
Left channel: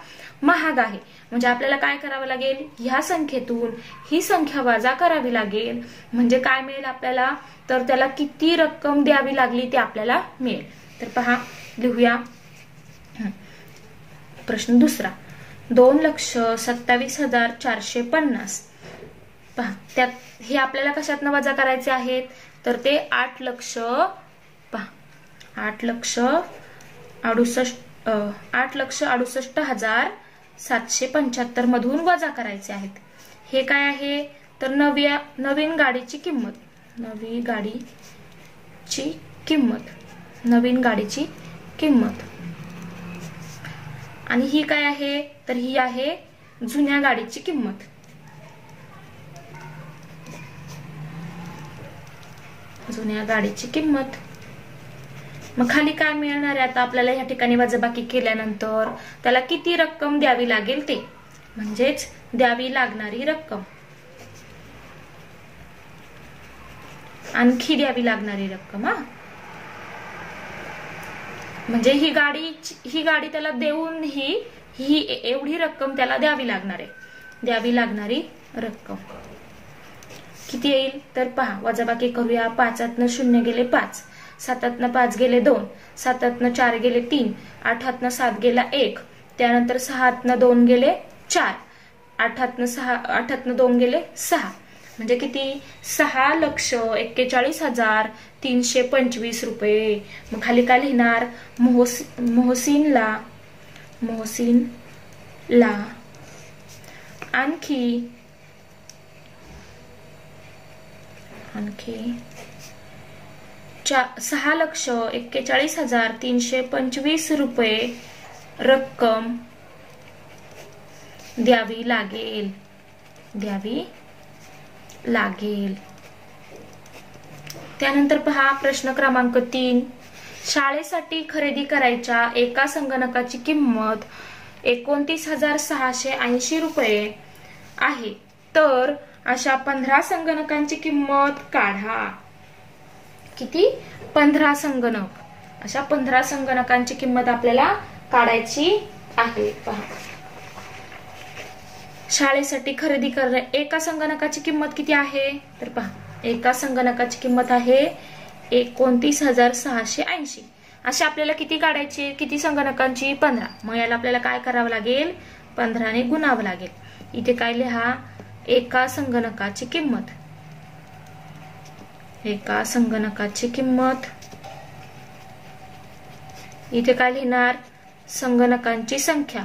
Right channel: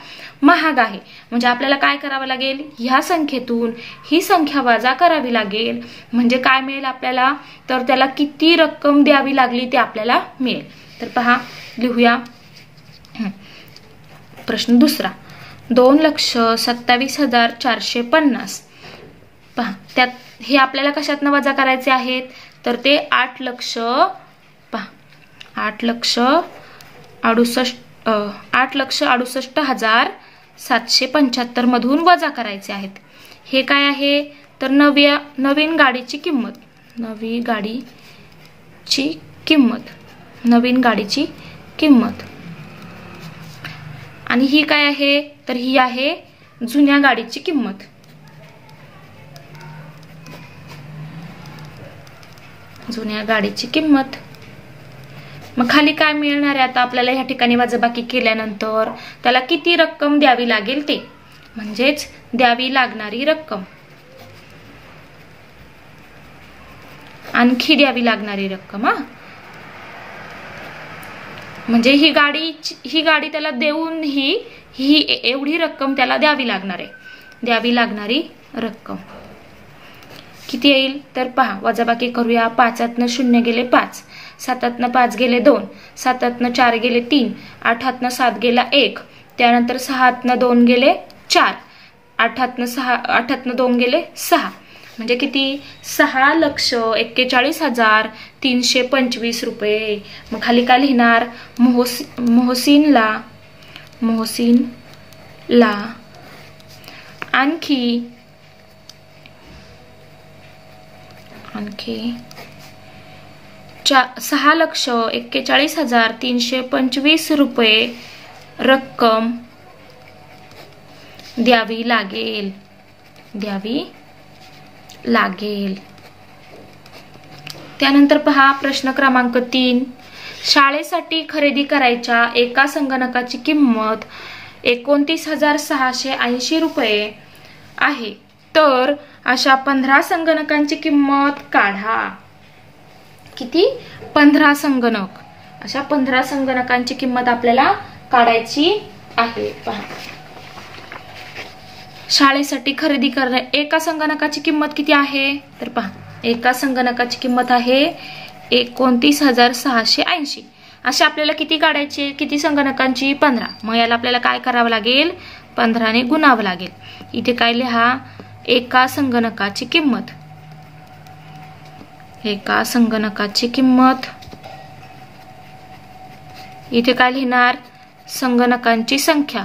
महाग आहे, म्हणजे आपल्याला काय करावं लागेल, ह्या संख्येतून ही संख्या वजा करावी लागेल. म्हणजे काय मिळेल आपल्याला, तर त्याला किती रक्कम द्यावी लागली ते आपल्याला मिळेल. तर पहा लिहूया प्रश्न दुसरा. 2,27,450. पहा त्यात हे आपल्याला कशातनं वजा करायचे आहेत, तर ते 8,68,000 775 मधून वजा करायचे आहेत. हे काय आहे तर नवीन गाडीची किंमत, नवीन गाडीची किंमत. आणि ही काय आहे तर ही आहे जुन्या गाडीची किंमत. जुन्या गाडीची किंमत. मग खाली काय मिळणार आहे आता आपल्याला ह्या ठिकाणी वजाबाकी केल्यानंतर त्याला किती रक्कम द्यावी लागेल ते, म्हणजेच द्यावी लागणारी रक्कम, आणखी द्यावी लागणारी रक्कम. म्हणजे ही गाडी त्याला देऊन ही एवढी रक्कम त्याला द्यावी लागणार आहे. द्यावी लागणारी रक्कम किती येईल तर पहा, वजाबाकी करूया. 5 0 गेले 5, 7 5 गेले 2, 7 4 गेले 3, 8 7 गेला 1, त्यानंतर 6 2 गेले 4, 8 2 गेले 6, म्हणजे किती 6,41,325 रुपये. मग खाली काय लिहिणार, मोहसिनला आणखी 6,41,325 रुपये रक्कम द्यावी लागेल. त्यानंतर पहा प्रश्न क्रमांक 3. शाळेसाठी खरेदी करायच्या एका संगणकाची किंमत 29,680 रुपये आहे, तर अशा 15 संगणकांची किंमत काढा. किती 15 संगणक. अशा 15 संगणकांची किंमत आपल्याला काढायची आहे. पहा, शाळेसाठी खरेदी करणे एका संगणकाची किंमत किती आहे तर पहा, एका संगणकाची किंमत आहे 29,680. अशा आपल्याला किती काढायची, किती संगणकांची 15. मग याला आपल्याला काय करावं लागेल 15 ने गुणावं लागेल. इथे काय लिहा एका संगणकाची किंमत, एका संगणकाची किंमत. इथे काय लिहिणार संगणकांची संख्या.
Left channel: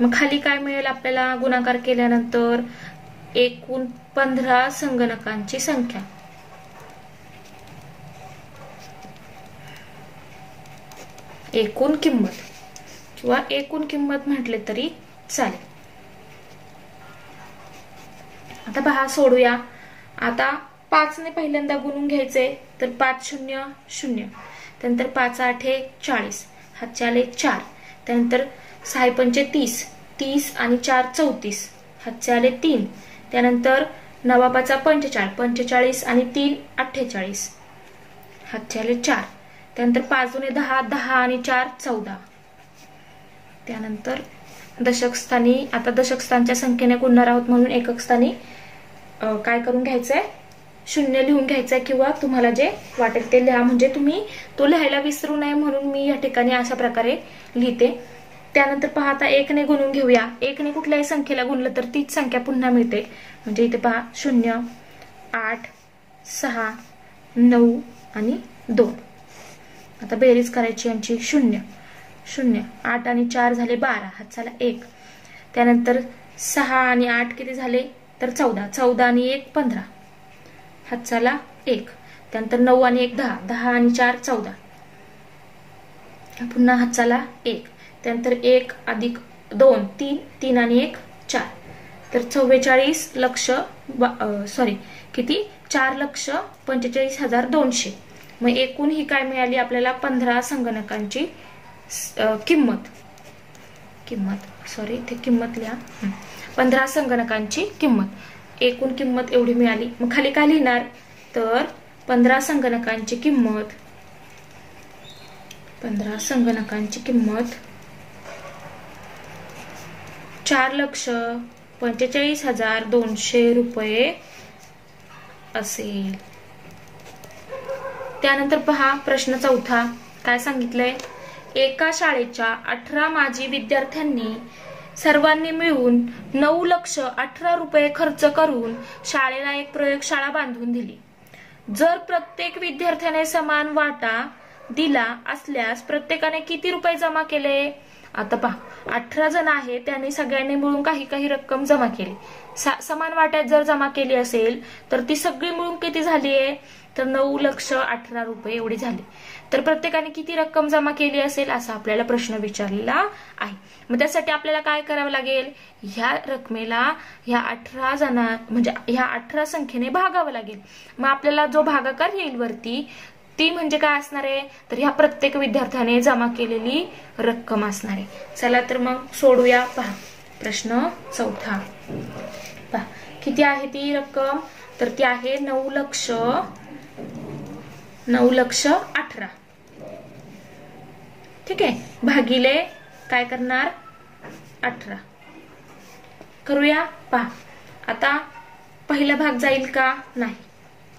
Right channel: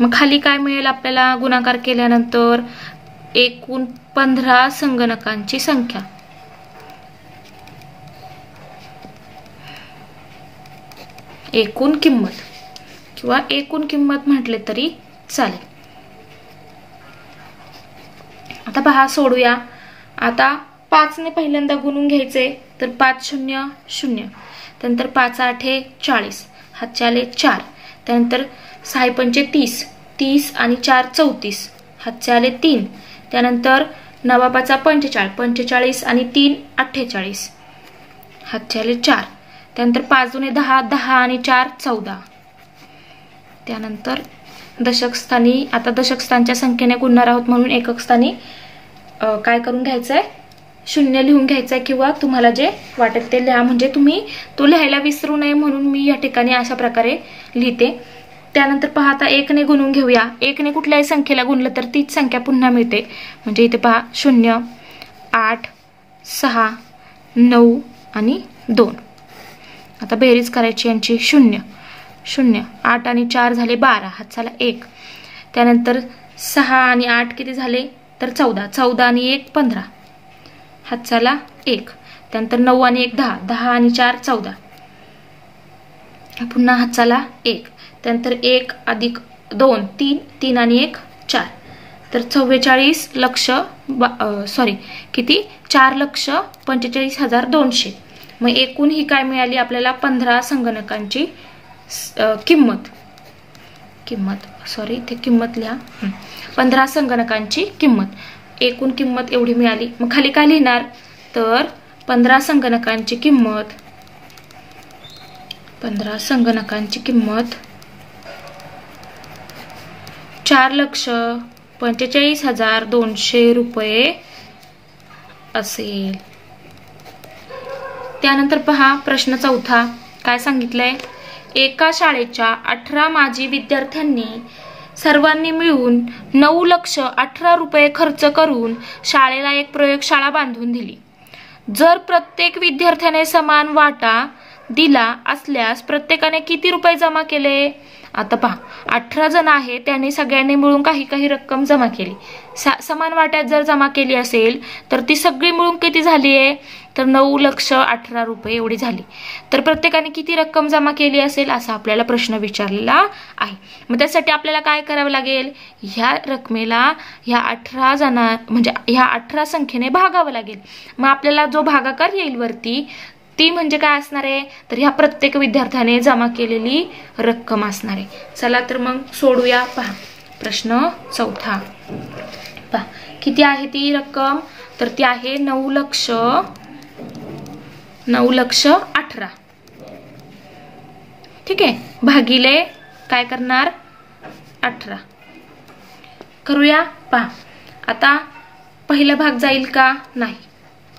मग खाली काय मिळेल आपल्याला गुणाकार केल्यानंतर एकूण 15 संगणकांची संख्या. एकूण किंमत किंवा एकूण किंमत म्हटले तरी चालेल. आता पहा सोडूया. आता 5 ने पहिल्यांदा गुणून घ्यायचे तर 5 0 0, त्यानंतर 5 8 40, हातचे आले 4, त्यानंतर 6 5 30, 30 आणि 4 34, हातचे आले 3, त्यानंतर 9 5 45, 45 आणि 3 48, हातचे आले 4, त्यानंतर 5 2 10, 10 आणि 4 14, त्यानंतर दशक स्थानी. आता दशक स्थानच्या संख्येने गुणणार आहोत म्हणून एकक स्थानी काय करून घ्यायचंय 0 लिहून घ्यायचंय, किंवा तुम्हाला जे वाटेल ते लिहा, म्हणजे तुम्ही तो लिहायला विसरू नये म्हणून मी या ठिकाणी अशा प्रकारे लिहिते. त्यानंतर पहा आता 1 ने गुणून घेऊया. 1 ने कुठल्याही संख्येला गुणलं तर तीच संख्या पुन्हा मिळते. म्हणजे इथे पहा 0 8 6 9 आणि 2. आता बेरीज करायची यांची 0 0, 8 आणि 4 झाले 12, हात झाला 1, त्यानंतर 6 आणि 8 किती झाले तर 14, 14 आणि 1 15, हात झाला 1, त्यानंतर 9 आणि 1 10, 10 आणि 4 14, पुन्हा हात झाला 1, त्यानंतर 1 अधिक 2 3, 3 आणि 1 4, तर 44 लक्ष किती 4,45,200. मग एकूण ही काय मिळाली आपल्याला 15 संगणकांची किंमत इथे किंमत लिहा 15 संगणकांची किंमत. एकूण किंमत एवढी मिळाली. मग खाली काय लिहिणार तर 15 संगणकांची किंमत 4,45,200 रुपये असेल. त्यानंतर पहा प्रश्न 4 काय सांगितलंय. एका शाळेच्या 18 माजी विद्यार्थ्यांनी सर्वांनी मिळून 9,18,000 रुपये खर्च करून शाळेला एक प्रयोगशाळा बांधून दिली. जर प्रत्येक विद्यार्थ्याने समान वाटा दिला असल्यास प्रत्येकाने किती रुपये जमा केले? आता पहा, 18 जण आहे, त्यांनी सगळ्यांनी मिळून काही काही रक्कम जमा केली. समान वाट्यात जर जमा केली असेल तर ती सगळी मिळून किती झाली आहे? तर 9,18,000 रुपये एवढी झाली. तर प्रत्येकाने किती रक्कम जमा केली असेल असा आपल्याला प्रश्न विचारलेला आहे. मग त्यासाठी आपल्याला काय करावं लागेल? ह्या रकमेला ह्या 18 जणां म्हणजे ह्या 18 संख्येने भागावं लागेल. मग आपल्याला जो भागाकार येईल वरती ती म्हणजे काय असणार आहे? तर ह्या प्रत्येक विद्यार्थ्याने जमा केलेली रक्कम असणार आहे. चला तर मग सोडूया. पहा प्रश्न 4. पहा किती आहे ती रक्कम? तर ती आहे 9,18,000. ठीक आहे, भागिले काय करणार? 18 करूया. पहा आता पहिला भाग जाईल का? नाही.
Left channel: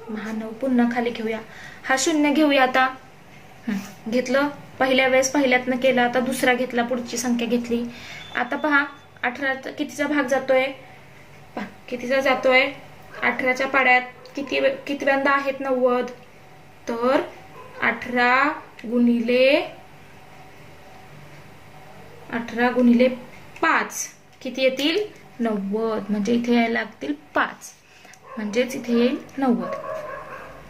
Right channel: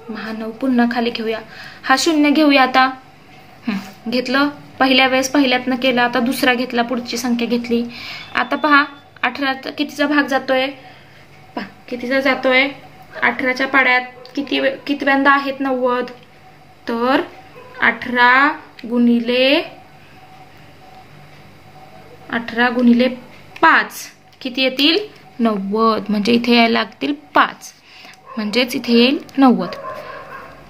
मग 9 पुन्हा खाली घेऊया. हा 0 घेऊया. आता घेतलं, पहिल्या वेळेस पहिल्यातनं केलं, आता दुसरा घेतला, पुढची संख्या घेतली. आता पहा 18 कितीचा भाग जातोय? पहा कितीचा जातोय? 18च्या पाड्यात कितव्यांदा आहेत 90? तर 18 गुणिले 5 किती येतील? 90. म्हणजे इथे यायला लागतील 5, म्हणजेच इथे येईल 90.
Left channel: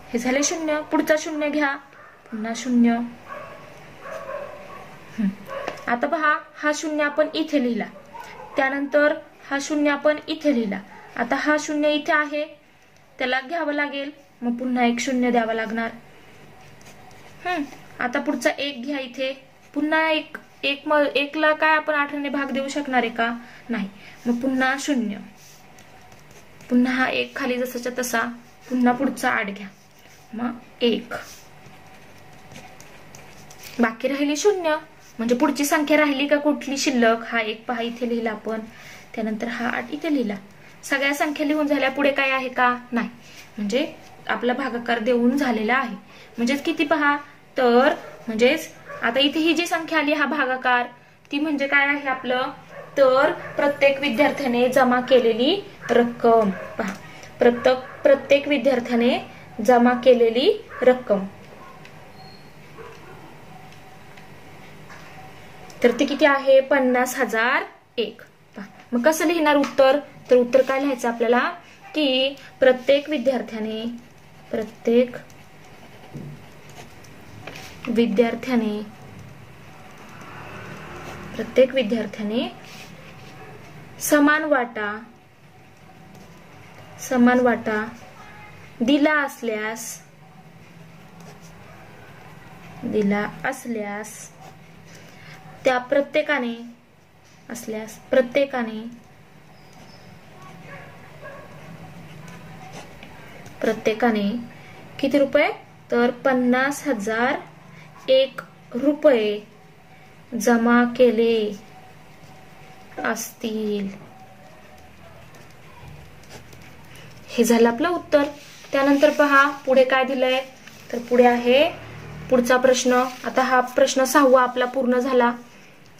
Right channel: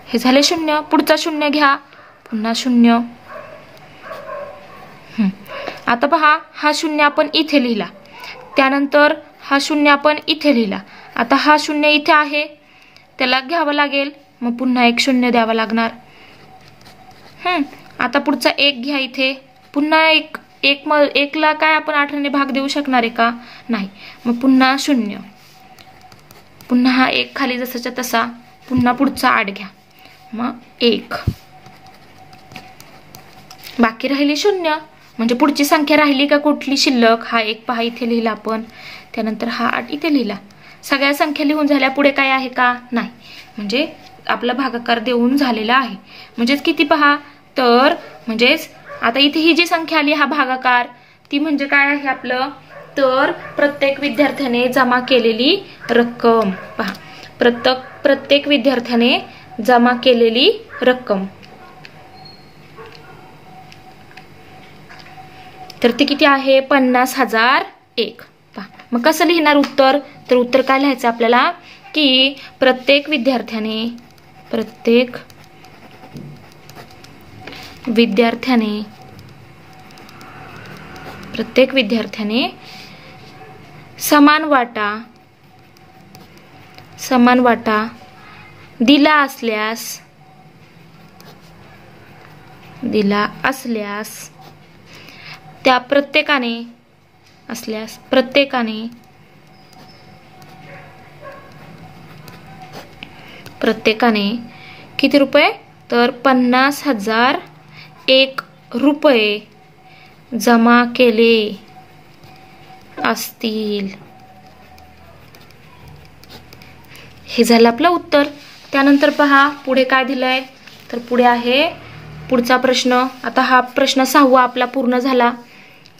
हे झाले 0. पुढचा 0 घ्या, पुन्हा 0. आता पहा हा 0 आपण इथे लिहिला, त्यानंतर हा 0 आपण इथे लिहिला. आता हा 0 इथे आहे, त्याला घ्यावं लागेल, मग पुन्हा एक 0 द्यावा लागणार. आता पुढचा 1 घ्या इथे, पुन्हा एकला काय आपण 18ने भाग देऊ शकणार आहे का? नाही. मग पुन्हा 0, पुन्हा हा 1 खाली जसाच्या तसा, पुन्हा पुढचा 8 घ्या, मग 1, बाकी राहिली 0. म्हणजे पुढची संख्या राहिली का कुठली शिल्लक? हा 1 पहा इथे लिहिला आपण, त्यानंतर हा 8 इथे लिहिला. सगळ्या संख्या लिहून झाल्या, पुढे काय आहे का? नाही. म्हणजे आपला भागाकार देऊन झालेला आहे. म्हणजेच किती पहा? तर म्हणजेच आता इथे ही जी संख्या आली हा भागाकार, ती म्हणजे काय आहे आपलं? तर प्रत्येक विद्यार्थ्याने जमा केलेली रक्कम. पहा प्रत्येक विद्यार्थ्याने जमा केलेली रक्कम. तर ती किती आहे? 50,001. पहा मग कसं लिहिणार उत्तर? तर उत्तर काय लिहायचं आपल्याला? की प्रत्येक विद्यार्थ्याने समान वाटा दिला असल्यास त्या प्रत्येकाने किती रुपये? तर 50,001 रुपये जमा केले असतील. हे झालं आपलं उत्तर. त्यानंतर पहा पुढे काय दिलंय? तर पुढे आहे पुढचा प्रश्न. आता हा प्रश्न 6वा आपला पूर्ण झाला.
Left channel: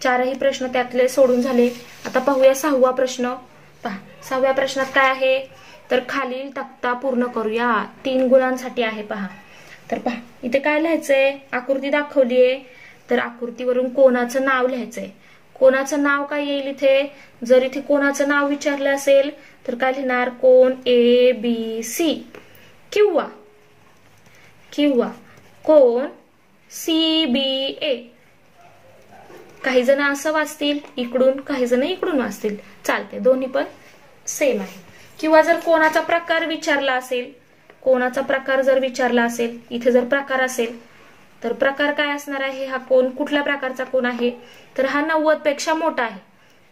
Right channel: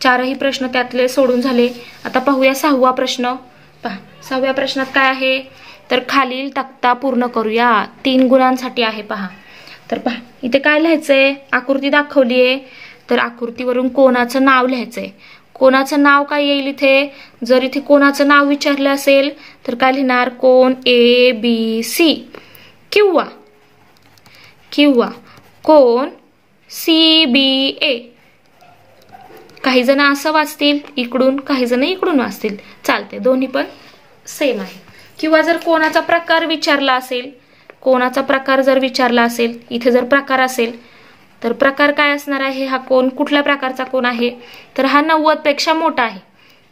4ही प्रश्न त्यातले सोडून झाले. आता पाहूया 6वा प्रश्न. पहा 6व्या प्रश्नात काय आहे? तर खालील तक्ता पूर्ण करूया. 3 गुणांसाठी आहे. पहा तर पहा इथे काय लिहायचंय? आकृती दाखवलीये, तर आकृतीवरून कोणाचं नाव लिहायचंय. कोणाचं नाव काय येईल इथे? जर इथे कोणाचं नाव विचारलं असेल तर काय लिहिणार? कोण ABC किंवा कोण CBA. काही जण असं वाचतील इकडून, काही जण इकडून वाचतील, चालते, दोन्ही पण सेम आहे. किंवा जर कोणाचा प्रकार विचारला असेल, इथे जर प्रकार असेल तर प्रकार काय असणार आहे? हा कोण कुठल्या प्रकारचा कोण आहे? तर हा 90 पेक्षा मोठा आहे,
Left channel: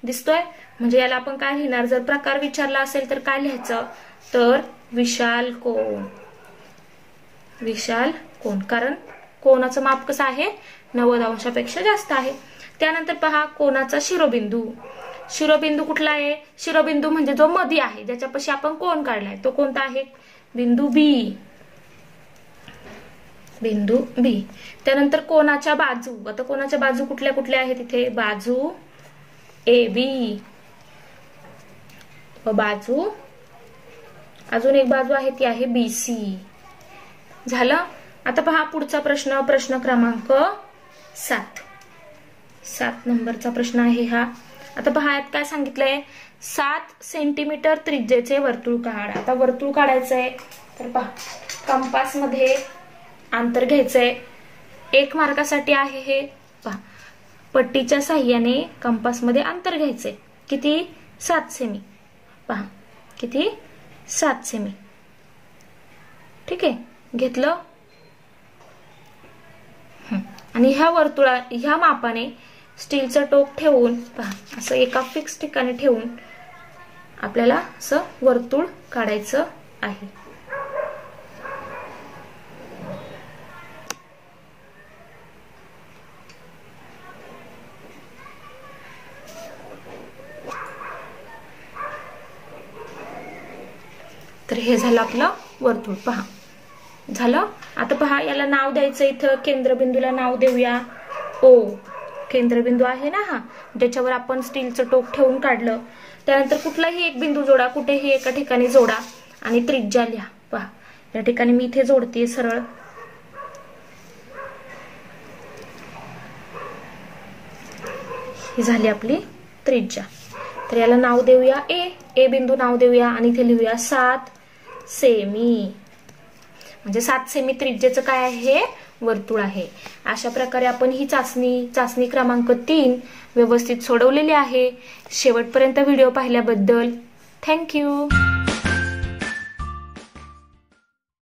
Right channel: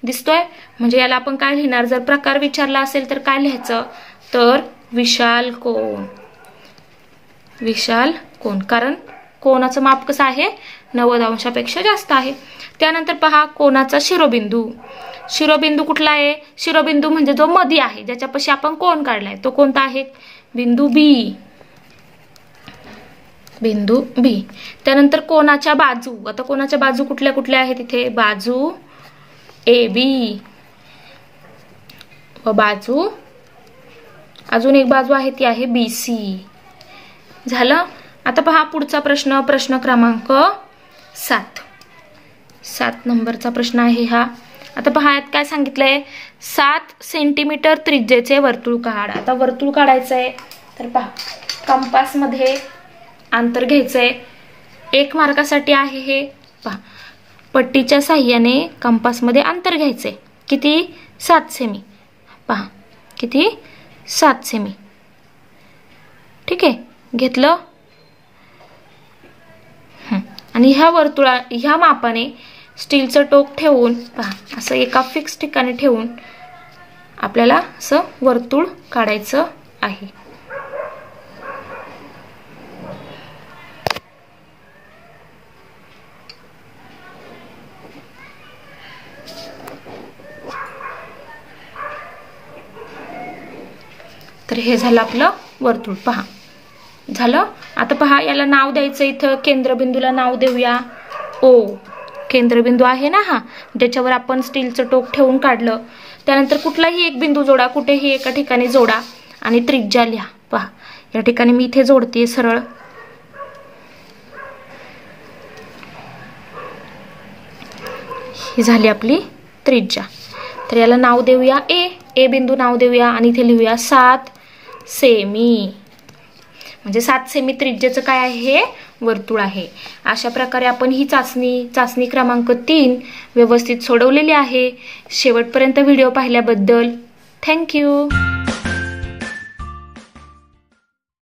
दिसतोय. म्हणजे याला आपण काय लिहिणार? जर प्रकार विचारला असेल तर काय लिहायचं? तर विशाल कोण, कारण कोणाचं माप कसं आहे? 90 अंशापेक्षा जास्त आहे. त्यानंतर पहा कोणाचा शिरोबिंदू कुठला आहे? शिरोबिंदू म्हणजे जो मध्ये आहे, ज्याच्यापाशी आपण कोण काढलाय, तो कोणता आहे? बिंदू बी. त्यानंतर कोणाच्या बाजू. आता कोणाच्या बाजू कुठल्या कुठल्या आहेत इथे? बाजू AB व अजून एक बाजू आहे ती आहे BC. झालं. आता पहा पुढचा प्रश्न, प्रश्न क्रमांक 7 नंबरचा प्रश्न आहे हा. आता पहा यात काय सांगितलंय, 7 सेंटीमीटर त्रिज्येचे वर्तुळ काढ. आता वर्तुळ काढायचंय तर पहा कंपास मध्ये अंतर घ्यायचंय. 1 मार्कासाठी आहे हे. पहा पट्टीच्या साहाय्याने कंपास मध्ये अंतर घ्यायचंय. किती? 7 सेमी. पहा किती? 7 सेमी. ठीक आहे, घेतलं. आणि ह्या मापाने स्टीलचं टोक ठेवून पहा असं एका फिक्स ठिकाणी ठेवून आपल्याला असं वर्तुळ काढायचं आहे. तर हे झालं आपलं वर्तुळ. पहा झालं. आता पहा याला नाव द्यायचं. इथं केंद्रबिंदूला नाव देऊया O. केंद्रबिंदू आहे ना हा, ज्याच्यावर आपण स्टीलचं टोक ठेवून काढलं. त्यानंतर कुठलाही एक बिंदू जोडा, कुठेही एका ठिकाणी जोडा आणि त्रिज्या लिहा. पहा या ठिकाणी मी इथे जोडते सरळ. ही झाली आपली त्रिज्या. तर याला नाव देऊया ए बिंदू नाव देऊया आणि इथे लिहूया 7 सेमी. म्हणजे 7 सेमी त्रिज्येचं काय आहे? हे वर्तुळ आहे. अशा प्रकारे आपण ही चाचणी क्रमांक 3 व्यवस्थित सोडवलेली आहे. शेवटपर्यंत व्हिडिओ पाहिल्याबद्दल थँक्यू.